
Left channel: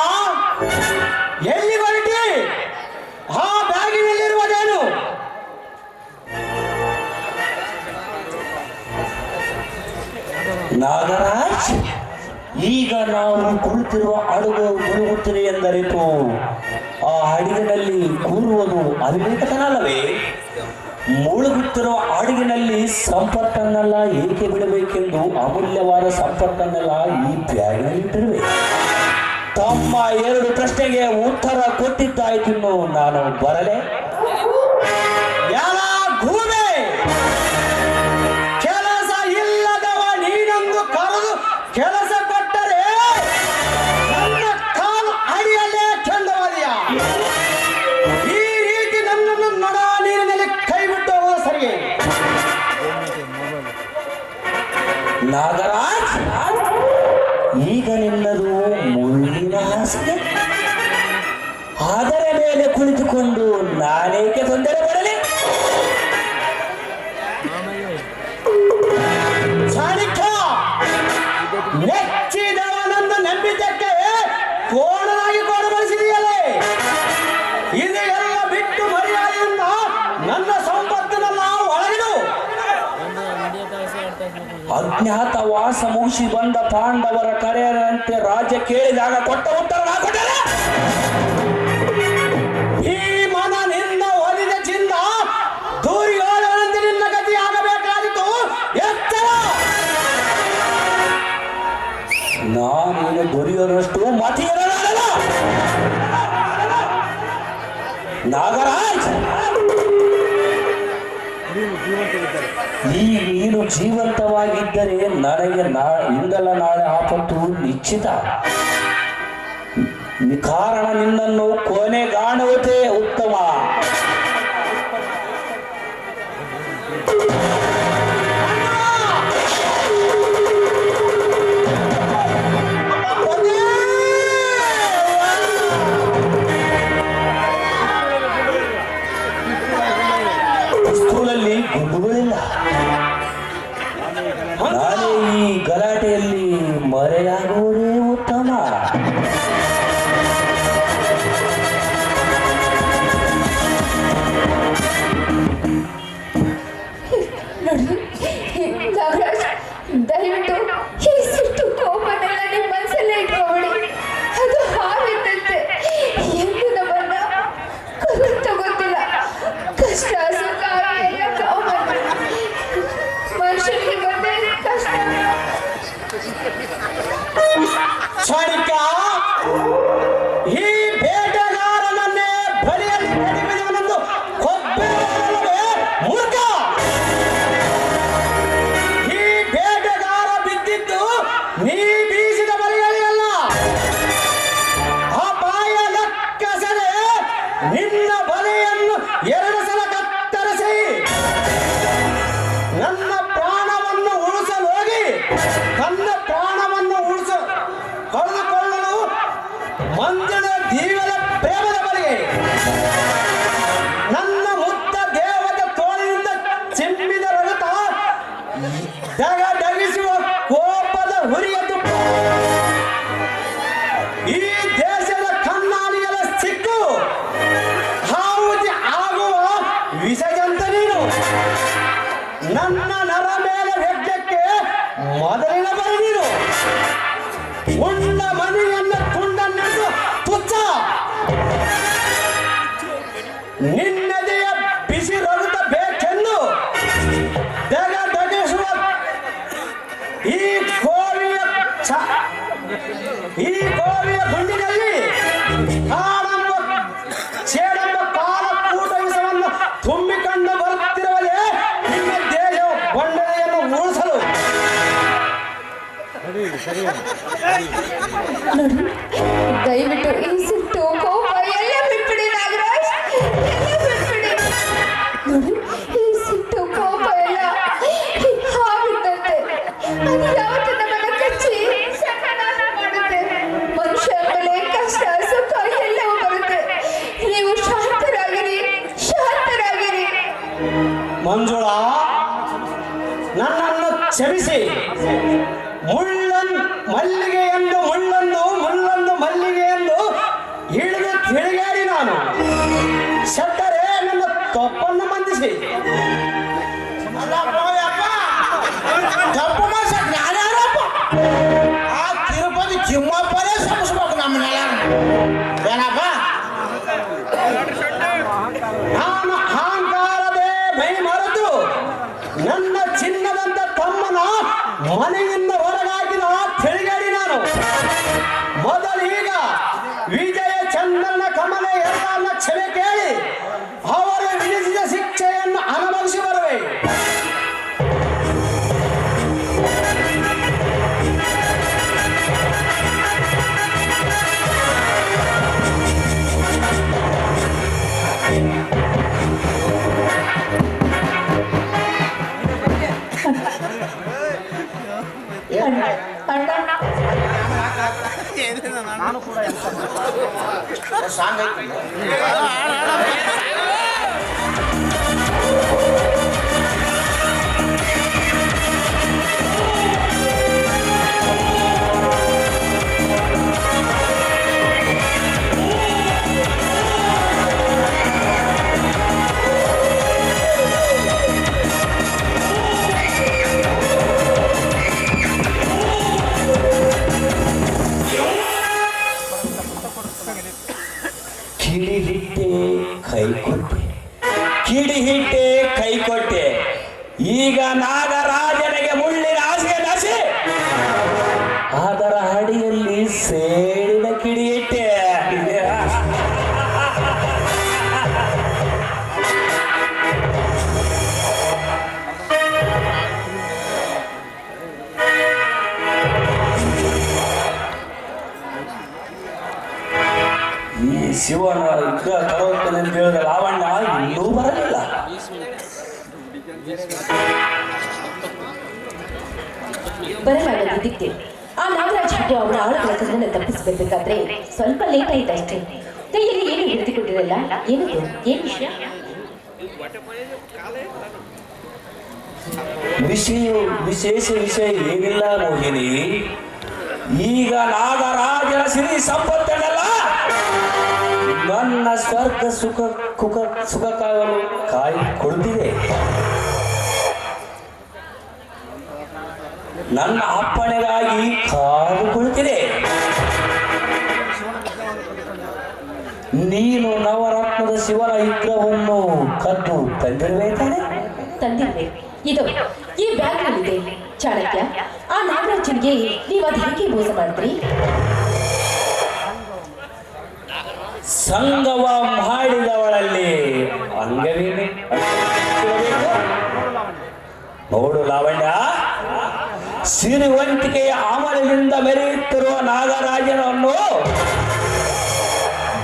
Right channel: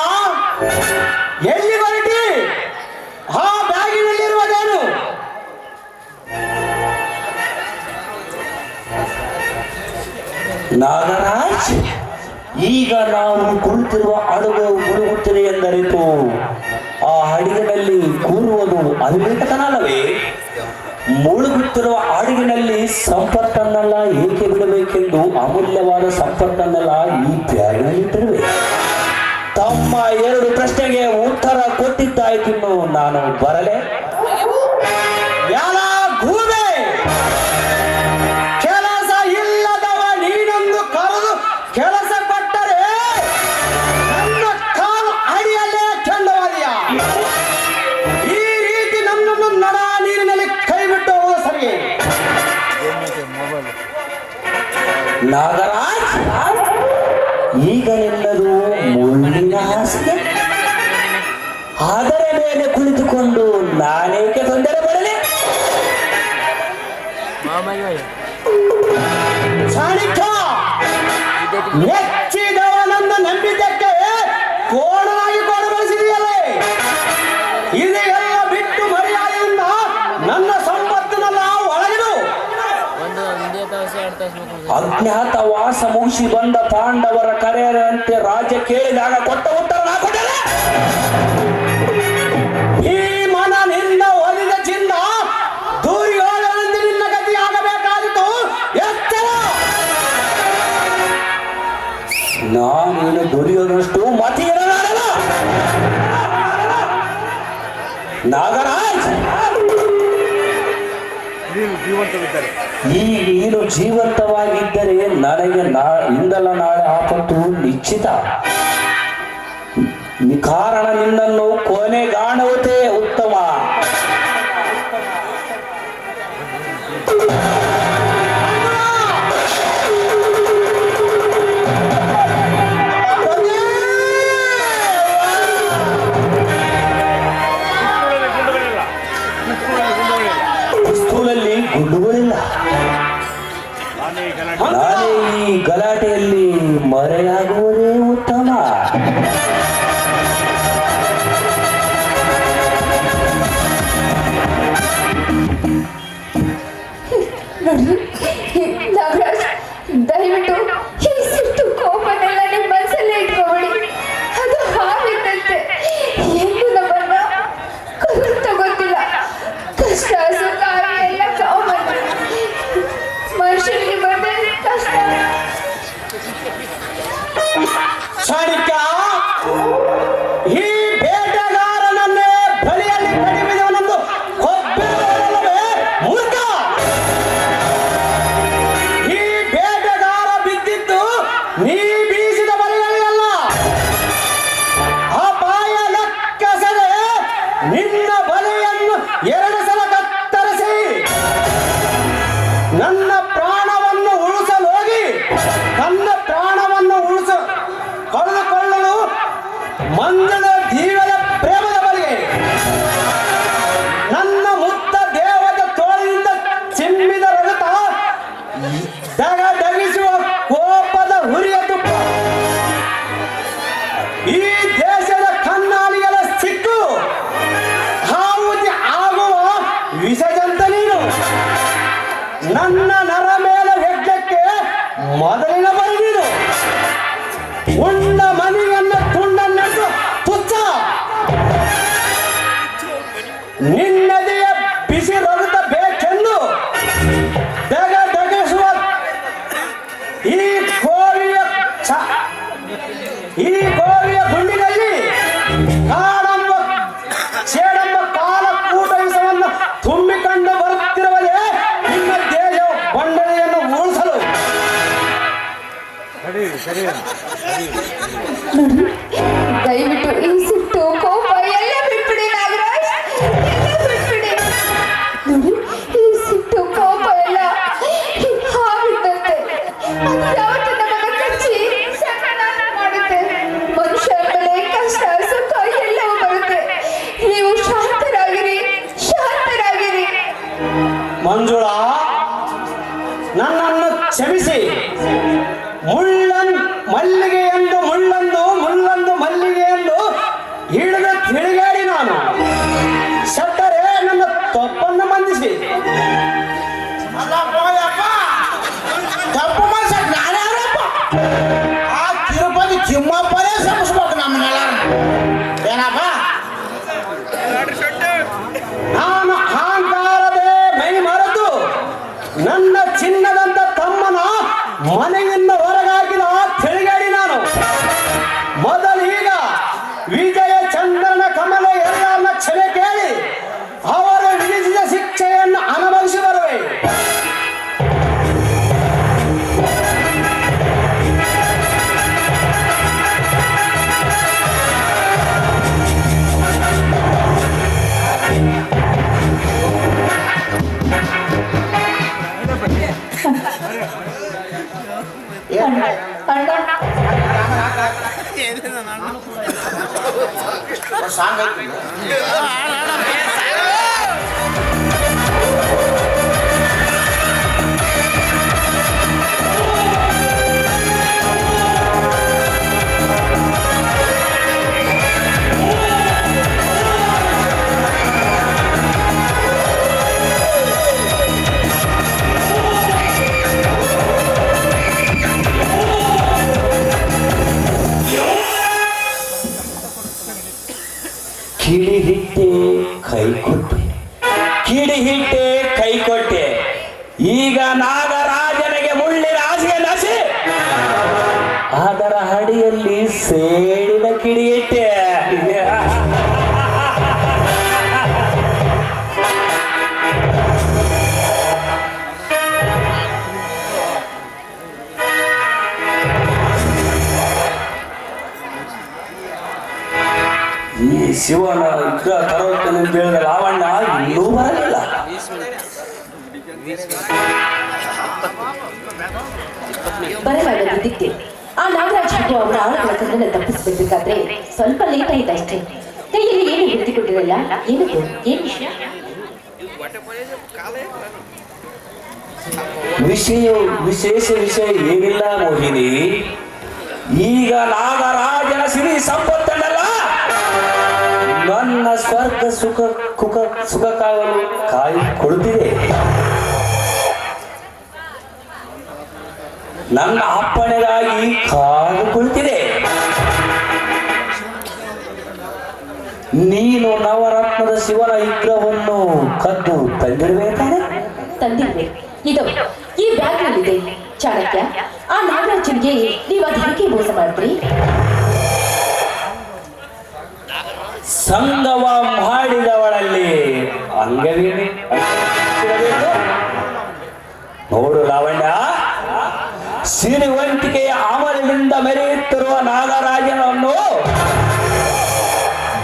ಎಲ್ಲಿ ಹೊರಟಿ? ಆ ಬ್ಯಾಗಿನಲ್ಲಿರುವುದೇನು? ನಾಗರಾಜ್, ಈಗ ನಾವು ಕುಳಿತಿರುವ ಅಡುಗೆ ಮುಳುಗುತ್ತಿದೆ ಎಂದರಿತು ಆ ಅಡಿಗೆನಲ್ಲಿ ಕೂರುವುದು ಅವಿವೇಕತನಲ್ಲವೇ? ಮುಳುಗುತ್ತಿರುವ ಅಡುಗಿನಲ್ಲಿ ಸಂಪತ್ತನ್ನೆಲ್ಲ ಏಕೆ ಬಿಡಬೇಕೆಂದು ಅಮೂಲ್ಯವಾದ ಸಂಪತ್ತನ್ನೆಲ್ಲ ಈ ಬ್ಯಾಗಿನಲ್ಲಿಟ್ಟಿರುವೆ. ತಮ್ಮ 2 ಪ್ರಶ್ನೆಗೆ ಉತ್ತರ ಕೊಟ್ಟಿದ್ದಾಯ್ತು. ನಾನು ಬರಲೆ? ಗೂಬೆ, ಕೆಲಸ ಇಲ್ಲದವ ನೀನೊಂದು ಕರೆದು ಕೆಲಸ ಕೊಟ್ಟರೆ ನನ್ನ ಕಾಲು ಅಡಿಯಲ್ಲೇ ಚೆಂಡವಾದಿಯ. ಈ ರೀತಿ ನನ್ನನ್ನು ನಡ ನೀರಿನಲ್ಲಿ ಕೈ ಬಿಟ್ಟು ಹೋಗೋ ಸರಿ. ನಾಗರಾಜ್, ಈಗ ನಿನ್ನದು ಮುಳ್ಳಿನ ಹಾಸಿಗೆ. ಅದರ ಮೇಲೆ ಕುಳಿತುಕೊಂಡು ನಾನೇಕೆ ತೊಂದರೆ ಪಡಲಿ? ಸಾರಿಕಾ, ಮೆಚ್ಚಿದವನನ್ನು ನಂಬಿದ್ದಕ್ಕೆ ಕೋಣಾಗಿ ಕೊಡಬಡಿಸಿದೆಯಲ್ಲೇ. ಇದೆಲ್ಲ ಬಿಟ್ಟು ಮರ್ಯಾದೆಯಿಂದ ನನ್ನ ಸಂಪತ್ತನ್ನೆಲ್ಲ ಒಳಗಿಡು. ಅಜ್ಞಾತವಾಸ ಮುಗಿಸಿ ಬಂದ ಪಾಂಡವರ ಕರೆಯಂತೆ ರಾಜ್ಯ ಕೇಳಿದಾಗ ಕೊಟ್ಟ ಉತ್ತರ ಹಾಕುತ್ತೇನೆ. ಈ ಮನ ನಿನ್ನ ಒಲಿದ ಚಿನ್ನ ದುರ್ಯೋಧನಂತೆ ನಿನ್ನ ಗತಿಯಾಗಬೇಕಾಗಿತ್ತು. ಎಚ್ಚರ! ನಾನೇನು ದುರ್ಯೋಧನಷ್ಟು ಮತಿಯಿರಲಾರಲ್ಲ. ನಾಗರಾಜ್, ಈ ನೀನು ಜೀವಂತವಾಗಿದ್ದರೆ ನನಗೆ ಇಂದಲ್ಲ ನಾಳೆ ಆಪತ್ತು ನಿಶ್ಚಿತ. ಕಾರಣ ನಿನ್ನನ್ನು ಕೊನೆಗಾಣುವುದೇ ಉತ್ತಮ. ಪಿಸ್ತೂಲಲ್ಲಿ ಗುಂಡುಗಳಿಲ್ಲ. ನಾನೇ ಈ ಗಲಾಟೆಯಲ್ಲಿ ಮರೆಯಾಗುವುದೇ ಉತ್ತಮ. ನಾಗರಾಜ್, ದಯವಿಟ್ಟು ಈ ಸಿಟ್ಟು ಕೋಪನೆಲ್ಲ ನಿಮ್ಮ ಮನಸ್ಸಲ್ಲೇ ಇಟ್ಕೊಳ್ಳಿ. ಅದು ಹಾವಿದ್ದಂತೆ, ಎಂದು ನಮ್ಮನ್ನ ಕಲಿತ ಗೊತ್ತಿಲ್ಲ. ಕಷ್ಟ ಸುಖ ಎಲ್ಲ ಕಾಮನ್. ಮನುಷ್ಯನಿಗೆ ಬಂದರೆ ಕಷ್ಟ. ಸಾರಿಕಾ, ಈ ಬೇಟೆಗಾರನನ್ನೇ ಬಲಿಯಲ್ಲಿ ಕಡಿಮೆಯವನನ್ನು ಕೊಂದವನಲ್ಲವೇ ಮೂರ್ಖ? ಈ ಬೇಟೆಗಾರ ಬಿದ್ದಿದ್ದು ನೀ ಬೀಸಿದ ಬಲಿಯಲ್ಲ. ಅಪಾಯದ ಕೆಸರೆ ನಿನ್ನ ಬಲಿಯನ್ನು 2 ಸಲ ಕತ್ತರಿಸಿ ನನ್ನ ಪ್ರಾಣವನ್ನು ಉಳಿಸಲು ಹೋಗಿ ತನ್ನ ಪ್ರಾಣವನ್ನು ಕಳೆದುಕೊಳ್ಳಲು ಮಂಜುಳ ಜೀವನ ಪ್ರೇಮದ ಬಲಿಗೆ ನನ್ನ ಮುತ್ತ ದೇವದ ತೋಳಿನಿಂದ ಚಿಮ್ಮಿದ ರಗತ ದಗದಗಿಸುವ ಕೋಪದ ಹುರಿಯ ತುಪ್ಪ. ಈ ದೇಶದ ಕಣ್ಣಾಡಿಗಳ ಸಿಕ್ಕು ಹಾವುತಿ ಆಗುವ ವಿಷಜಂತ ನೀನು. ನನ್ನ ನರ ಮೇಲೆ ಹೆಜ್ಜಕ್ಕೆ ಮೊದಲಿನ ಬರಿ ನೀನು. ಉಂಡ ಮನೆಯನ್ನು ತುಂಡನ್ನೆಂದು ತುಚ್ಛ. ನಿನ್ನದೆಯ ಬಿಸಿ ರಗುತ್ತ ಬೇಕೆಂದು ದಗದಗಿಸುವ ಈ ಕೋಳಿಯ ಗುಂಡಿನಲ್ಲಿ ಕಾಡೆಂಬ ಸೇಡೆಂಬ ಕಾಲಕೂಟ ವಿಷವನ್ನು ತುಂಬಿಕೊಂಡು ಬರುತ್ತಿರುವಲೇ ನಿನ್ನ ದೇಹ ಬಂಡನೆಯನ್ನು ಉಳಿಸಲು. ದಯವಿಟ್ಟು ಈ ಸಿಟ್ಟು ಕೋಪ ಎಲ್ಲ ಬಿಟ್ಬಿಡಿ ನಾಗರಾಜ್, ಎಲ್ಲ ಬಿಟ್ಬಿಡಿ. ನೋಡಿ, ಈ ಸಿಟ್ಟು ಮಲ್ಲಿಗೆ ಎಂದು ಮುಳ್ಳಂದು ಮಲ್ಲಿಗೆ ಎಂದು ಹಿಡಿದು ತಿರುಗಾಡಿ ನಾನು ಸತ್ತರೆ ನನ್ನ ತಪ್ಪನ್ನು ಮಂದಿಸಿ. ತಪ್ಪು ಮಾಡ್ಸಕ್ ನಾನ್ಯಾರಪ್ಪ? ಆ ತಿರುಪತಿ ತಿಮ್ಮಪ್ಪನೇ ಸಮಸ್ಬೇಕು ನಮ್ಮನ್ನೆಲ್ಲ. ಏನಪ್ಪ ನಾನು ಅಹಂಕಾರದೇ ಮೈ ಮರೆತು ನನ್ನ ಚಿನ್ನದಂತ ತಮ್ಮನ ಮನೆಯಿಂದ ಹೊರಗಾಕಿದ ತಿರುಗಾಡಿ ನಾನು ಮೊದಲೀಗ ವಿಜಯ ಚಂದ್ರನ ಕಮಲ ಎಲ್ಲರನ್ನ ಕ್ಷಮೆ ಕೇಳಿ ಅವರು ವಿಧಿಸಿದ ಶಿಕ್ಷೆಯನ್ನು ಅನುಭವಿಸಿ ಬರುವೆ. ಕಿಡಿಹಿಟ್ಟೆ ಕೈ ಕೊಟ್ಟೆ ಈಗ ನಾಗರಾಜನಿಗೆ ಮುಳ್ಳಿನ ಆಸೆ ನಸೆ ಅದರ ಹಡಿಯಲ್ಲಿ ಸೇಡಿನ ಕಿಡಿಯಿಟ್ಟೆ. ಈ ಶಿವನ ವಿಗ್ರಹ ತರುತ್ತೇನೆ ಅಂತ ಹೇಳಿದ ಲಾವಣ್ಯ ಇನ್ನೂ ಬರಲಿಲ್ಲ. ಬರಲಾಗದಿದ್ದಕ್ಕೆ ಆ ನಾಗರಾಜ್ ಹಾಗೂ ಅವರ ಆಳುಗಳ ಕಣ್ಣನ್ನು ತಪ್ಪಿಸಬೇಕಾದ್ರೆ ಸ್ವಲ್ಪ ಲೇಟ್ ಆಯ್ತಷ್ಟೇ. ಕೈಯಲ್ಲಿ ಏನು ಎತ್ತಿಕೊಟ್ಟಿರಲ್ಲ. ಏನದು ಏನು ವಿಶೇಷ ವಿಷಯ ಏನಿಲ್ಲ ಮೋಹಿನಿ. ಈಗ ನಾಗರಾಜನ ಸಿರಿ ಸಂಪತ್ತಲ್ಲ ನನ್ನ ಸ್ವರ್ಗ ಸುಖ ಕಾಯಿ ಕೊಡುತ್ತಿದೆ. ನನ್ನ ಅಪ್ಪಣೆಗಾಗಿ ಕಾದು ಕುಳಿತಿದೆ. ನೀನು ನವರತ್ನದ ಶಿವನ ವಿಗ್ರಹವನ್ನು ಕದ್ದು ತಂದಿರಬೇಕಾದ್ರೆ ತಂದಿದ್ದೆ. ಇದು ಈ ಬ್ಯಾಗ್ನಲ್ಲಿದೆ. ಚಾಣಕ್ಯ, ಆ ನಾಗರಾಜನಿಗೆ ನೀವು ಅದು ಹೇಗೆ ಮೋಸ ಮಾಡಿದ್ರಿ? ಸಂಗಮ ಮಾಡಿದವಳಲ್ಲಿ ಅಂಗವೇನೆ ನೋಡು ಲಾವಣ್ಯ, ಸಿರಿವಂತಿಕೆಯ ಆಮಲದಿಂದ ಮೆರೆಯುತ್ತಿರುವ ನಾಗರಾಜನನ್ನು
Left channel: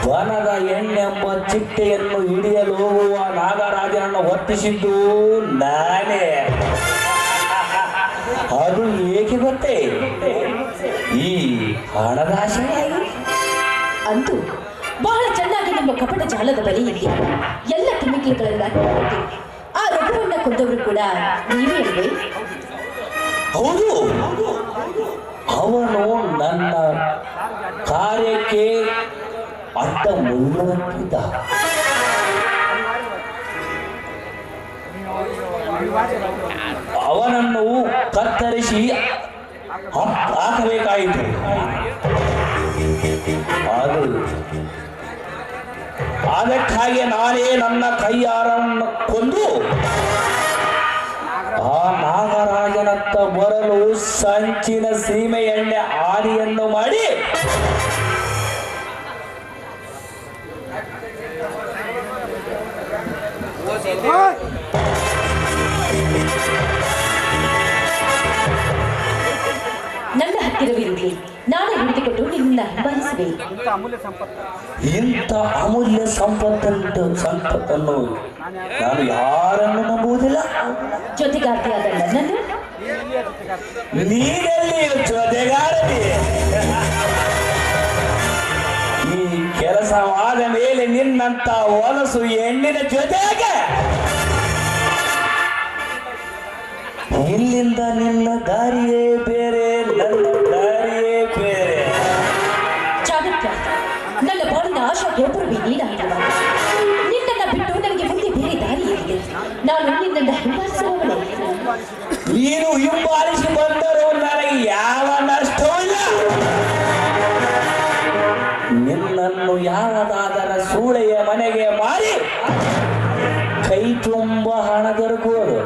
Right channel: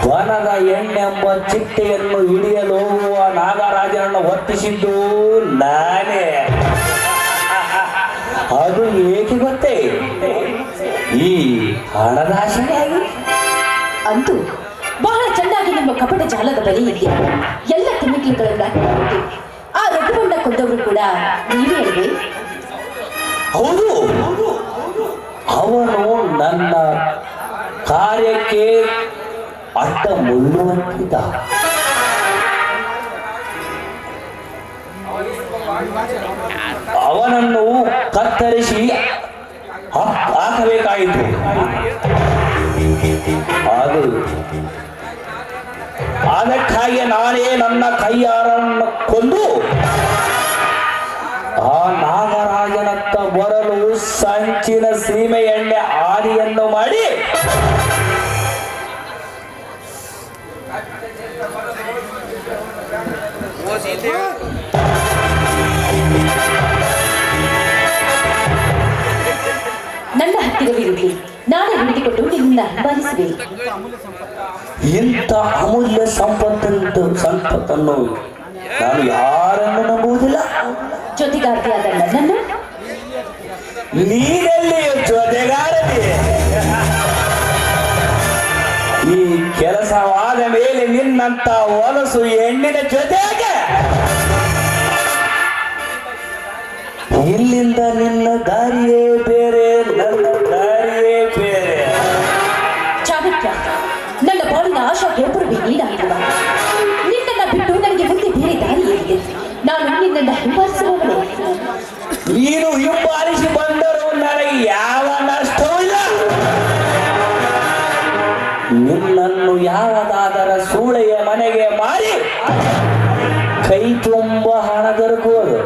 ವನದ ಎಣ್ಣೆಂಬ ಚಿಟ್ಟೆಯನ್ನು ಹಿಡಿಯಲು ಹೋಗುವ ನಾಗರಾಜನನ್ನು ಹೊತ್ತಿಸಿದ್ದು ನಾನೇ. ಅದು ಏಕೆ ಗೊತ್ತೇ? ಈ ಹಣದ ಆಸೆಯಾಗಿ. ಅಂತೂ ಬಹಳ ಚೆನ್ನಾಗಿ ನಿಮ್ಮ ಕಪಟ ಜಾಲದ ಬಳಿ ಇದೆಯಾ? ಎಲ್ಲ ತಿನ್ನಿಕೆಗಳನ್ನ ಆ ರಘುವನ್ನ ಕೊಂದವರು ಕೂಡ ನೀವೇ ಅಲ್ವೇ? ಹೌದು, ಅವನು ನನ್ನ ಕಾರ್ಯಕ್ಕೆ ಅಡ್ಡ ಮುಳ್ಳುವಂತಿದ್ದ. ಅವನನ್ನು ಕತ್ತರಿಸಿ ಹಾಕಬೇಕಾಯಿತು. ಅದಕ್ಕಾಗಿ ನಾನೇ ನನ್ನ ಕೈಯಾರನ್ನು ಕೊಂದು ಆ ನಾಗರಾಜನತ್ತ ಬರಲು ಸಂಚಿನ ಸೀಮೆ ಎಣ್ಣೆ ಆದಿಯನ್ನು ಮಾಡಿ ನನ್ನ ಹತ್ತಿರವಿರಲಿ, ನಾನು ಹುಡುಕಿಕೊಟ್ಟು ನಿನ್ನ ಹಿಂಬಾಲಿಸಿದೆ. ಇಂಥ ಅಮೂಲ್ಯ ಸಂಪತ್ತನ್ನು ನಾನು ಯಾರನ್ನು ನಂಬುವುದಿಲ್ಲ. ಜೊತೆಗಾರ್ತಿಯಾದ ನನ್ನನ್ನು ನೀನೆಲ್ಲಿ ಜೊತೆಗಾರತಿ? ಈ ಕೆಲಸವಾದ ಮೇಲೆ ನಿನ್ನಂತ ಹೊಲಸು ಹೆಣ್ಣಿನ ಜೊತೆಗೆ ಇಲ್ಲಿಂದ ನಿನ್ನ ದಾರಿಯೇ ಬೇರೆ ನೀನು ಹಿಂಬಾಲಿಸಿ ಬಂದರೂ ನನಗೆ ಯಾವ ನಷ್ಟವೂ ಇಲ್ಲ. ನಿನ್ನನ್ನು ಯಾವುದಾದರ ಸೂಳೆಯ ಮನೆಗೆ ಮಾರಿ ಕೈ ತುಂಬ ಹಣ ದೊರಕುವುದು.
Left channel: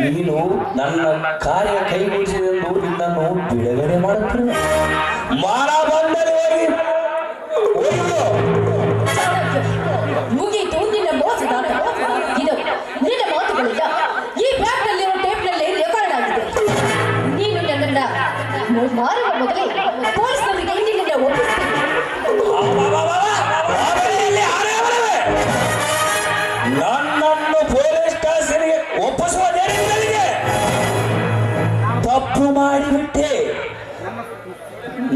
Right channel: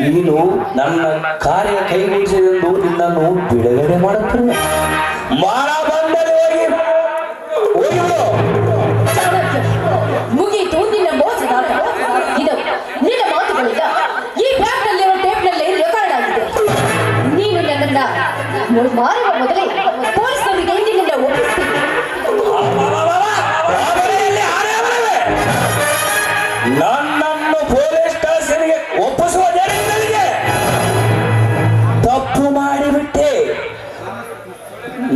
ನೀನು ನನ್ನ ಕಾರ್ಯ ಕೈಗೂಡಿಸಿದೆಂದು ನಿನ್ನನ್ನು ಬಿಡುಗಡೆ ಮಾಡುತ್ತೇನೆ. ಮಾರ ಬಂದರೆ ಮುಗೀತು ನಿನ್ನ ಮೋಸದಾಟ. ಇದು ನಿನ್ನ ಮಾತುಗಳಿಂದ ಈ ಬ್ಯಾಗ್ನಲ್ಲಿರೋ ಟೇಪ್ನಲ್ಲಿ ರೆಕಾರ್ಡ್ ಆಗಿದೆ. ನೀನು ನನ್ನನ್ನ ಮಾರುವ ಮೊದಲೇ ಪೊಲೀಸರಿಗೆ ನಿನ್ನ ಒಪ್ಪಿಸ್ತೀನಿ. ನನ್ನನ್ನು ಪೊಲೀಸ್ ಸ್ಟೇಷನ್ಗೆ ಒಪ್ಪಿಸುವುದರಿಗೆ ತಪ್ಪು ಮಾಡಿಬಿಟ್ಟೆ.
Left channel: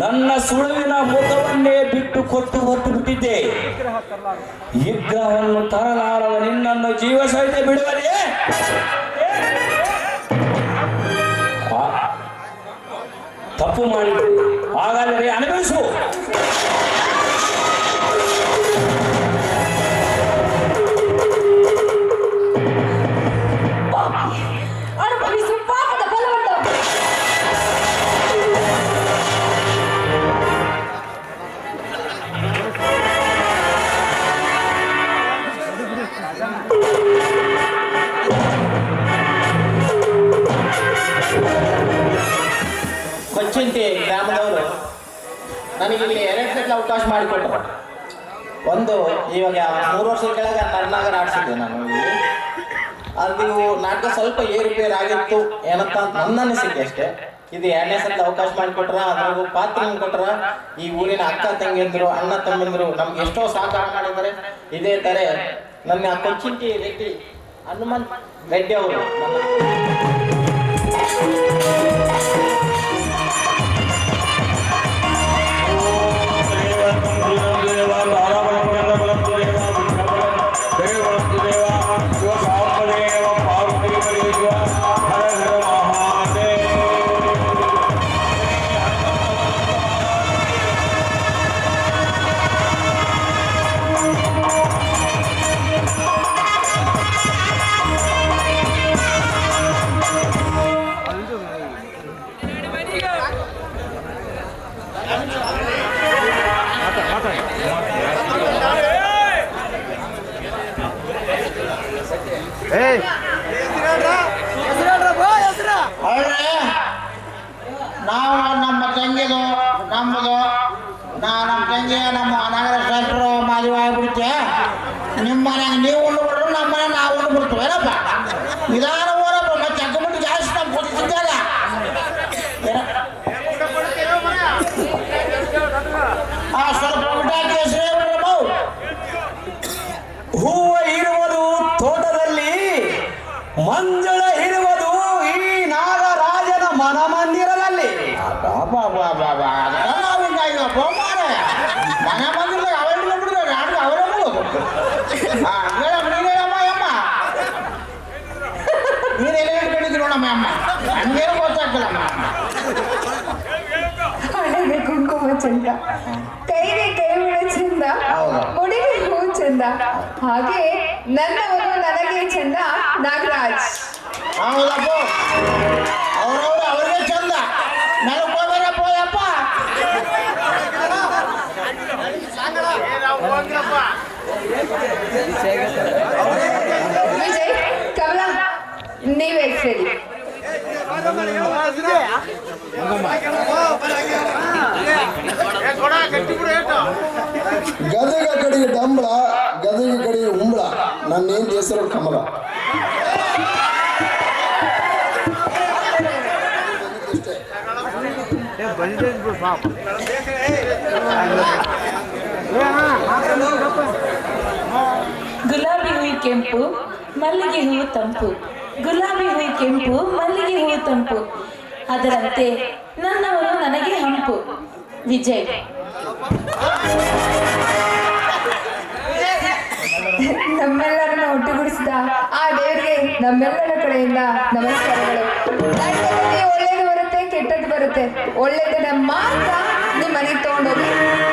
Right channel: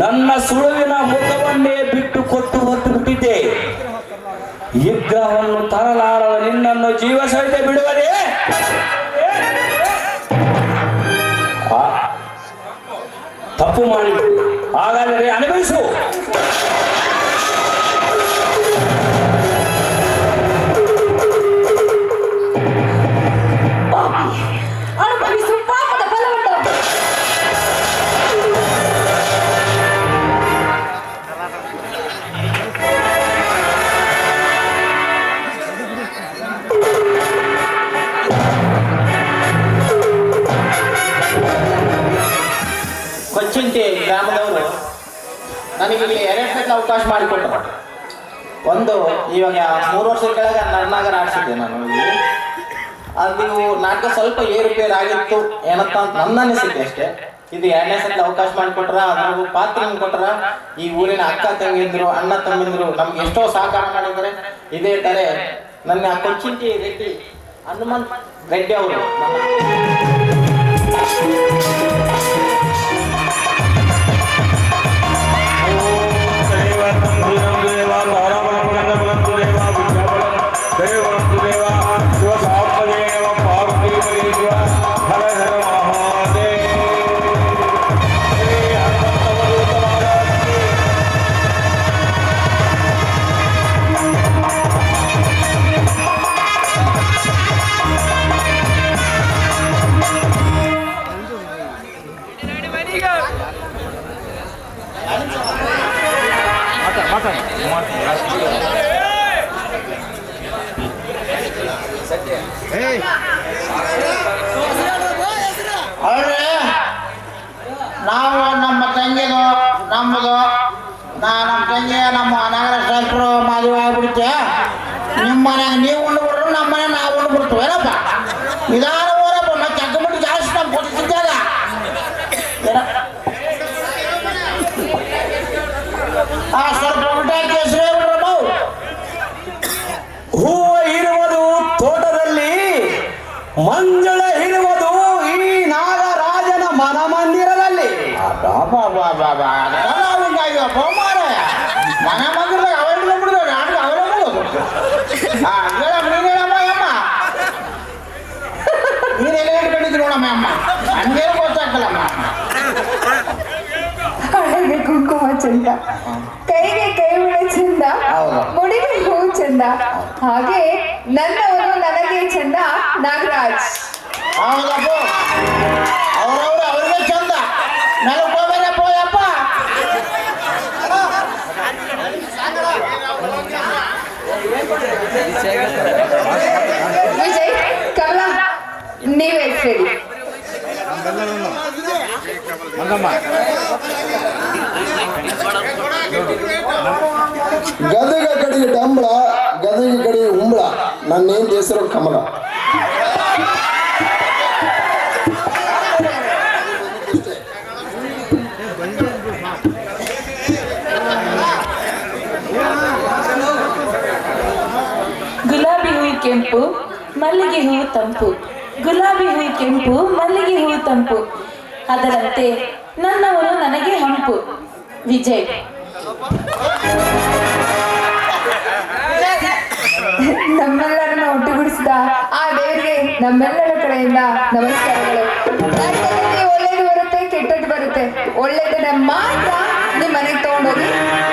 ನನ್ನ ಸುಳುವಿನ ಮುಖವನ್ನೇ ಬಿಟ್ಟು ಕೊಟ್ಟು ಹೊತ್ತು ಬಿಟ್ಟಿದ್ದೆ. ಯುದ್ಧವನ್ನು ತರಲಾರದ ನಿನ್ನನ್ನು ಜೀವ ಸಹಿತ ಬಿಡುವರೆ. ತಪ್ಪು ಮಾಡಿ ಹಾಗಾದರೆ ಅನುಭವಿಸು. ಅನುಭವಿಸು ಪಾಪದ ಫಲವನ್ನು. ಕೊಚ್ಚಿಂಟಿ ಗ್ರಾಮದವರು ನನಗೆ ಇಲ್ಲಿ 2 ಗಂಟೆ ಅವಕಾಶ ಮಾಡಿಕೊಟ್ಟರು. ಒಂದು ಇವಾಗ 3 ವರ್ಷದ ಕೆಳಗೆ ನನ್ನಾಗರ ಆಡ್ಸಿದ್ದೆ ನಾನು ಇಲ್ಲಿ. ಅದು ನಾಟಕ ಸ್ವಲ್ಪ ಏರುಪೇರು ಆಗಿತ್ತು ಏನಂತ ನನ್ನ ಅನಿಸಿಕೆ ಅಷ್ಟೇ. ಇದು 2ನೇ ಸಲ ಅವಕಾಶ ಮಾಡಿಕೊಟ್ರ, ಅದ್ರಾಗೂ ಪಾತ್ರ ಕೊಟ್ರ. ಈ ಊರಿನ ಅಕ್ಕ ತಂಗಿದ್ರು, ಅಣ್ಣ ತಮ್ಮಿದ್ರು ನಮ್ಗೆ ಎಷ್ಟೋ ಸಹಕಾರ ಮಾಡಿದ್ದಾರೆ. ಇದೇ ತರ ನನ್ನ ಕೊಚ್ಚಿಂಟಿ ರೆಡ್ಡಿ ಹನುಮಂತ್ ರೆಡ್ಡಿ ಅವರು ನಾವು ನಮ್ಮ ತಂಗಿದು ನಮ್ಮದು ನಮ್ಮ ತಂಗಿ ನಮ್ಮ ನಗರ ಶಾಸ್ತ್ರ ಮದುವೆ ಆಗ್ಬಿಡುತ್ತೆ. ನಿಮ್ಮ ಮನೆಯಾಗ ನೀವು ಉಂಡ್ಬಿಟ್ರು, ನಮ್ಮ ಮನೆ ನಾವು ಉಂಡ್ಬಿಡ್ತು. ಏನಪ್ಪ ನಿಧಾನ ಹೋರಪ್ಪ, ಮತ್ತೆ ಅಕ್ಕಬಿಟ್ಟು ಜಾಸ್ತಿ ನಾವು ಕೊಡ್ತಿದ್ದಾಗ ಸ್ವಲ್ಪ ಊಟ ಕೇಸರಿ ಹೂವು ಇರುವುದು ತೋಟದಲ್ಲಿ, ಮಂಜಳ ಇರುವುದು ಈ ನಾಗರಾಜನ ಮನಮಂದಿರದಲ್ಲಿ. ಮನ ಮಂದಿರ ಅವೆಲ್ಲ ಬಿಡುದು ನಾಟಕ ಅವರೇ ಬಿಡೋದು. ನೀನೆಲ್ಲ ಹೇಳ್ಕೊಂಡಿದ್ರು ನೋಡಮ್ಮ ಅಮ್ಮ, ಹಂಗೆ ಗೊತ್ತಾಗ್ತಲ್ಲಮ್ಮ. ಕಣ್ಣಿಗೆ ಕುಂಕುಮ ಚಂದ, ಕೈಗೆ ಕೈಗಳ ಚಂದ, ಮುಡಿಗೆ ಹೂ ಚಂದ, ಹಾಗೆ ನನ್ನವರು ನನಗೆ ಚಂದ ನಾಗರಾಜ್. ಹೌದಪ್ಪ, ಅವ್ರವ್ರು ಅವ್ರಿಗೆ ಚಂದ, ನನಗೆ ಹೋಗ್ಬೇಕಪ್ಪ ಯಪ್ಪ. ವಿಜಯ್, ಕಮಲ, ನೀವೇ ಹೇಳಿ. ಗದಗ ಕಡೆಗೆ ಡಂಬಳ, ಗದಗ ಕಡೆಗೆ ಉಂಬಳ. ನನ್ನೇನು ಹೆಸರು ಕಮಲ. ಗುಲಾಬಿ ಹೂವು ಕೆಂಪು, ಮಲ್ಲಿಗೆ ಹೂವು ತಂಪು. ಗುಲಾಬಿ ಹೂವು ಕೆಂಪು, ಮಲ್ಲಿಗೆ ಹೂವು ತಂಪು. ಅದರಂತೆ ನನ್ನವರು ನನಗೆ ಹಂಪು. ವಿಜಯ್. ನಮ್ಮೆಲ್ಲರನ್ನ ಒಟ್ಟುಗೂಡಿಸಿದ ಆ ದೇವರಿಗೆ ನಮ್ಮೆಲ್ಲರ ಕಡೆಯಿಂದ ನಮಸ್ಕಾರಗಳು. ನಮ್ಮಲ್ಲಿ ಒಳ್ಳೇದು ಬರುತ್ತೆ, ಕೆಟ್ಟದ್ದು ಬರುತ್ತೆ. ಒಳ್ಳೇದನ್ನ ಮಾತ್ರ ನಿಮ್ಮ ಮನೆಗೆ ತಗೊಂಡೋಗಿ,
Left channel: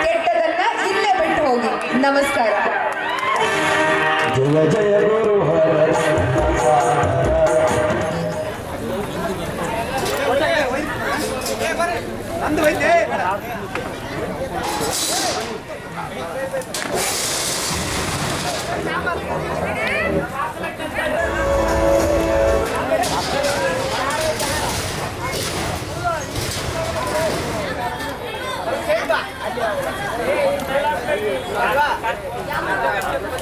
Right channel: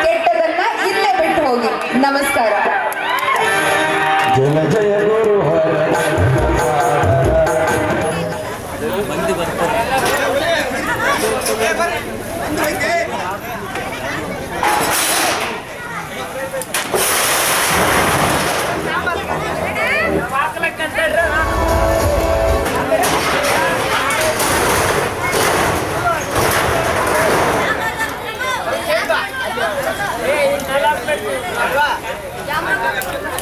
ಕೆಟ್ಟದನ್ನ ಇಲ್ಲೇ ಬಿಟ್ಟು ಹೋಗಿ. ನಮಸ್ಕಾರ. ಜಯ ಜಯ Jangan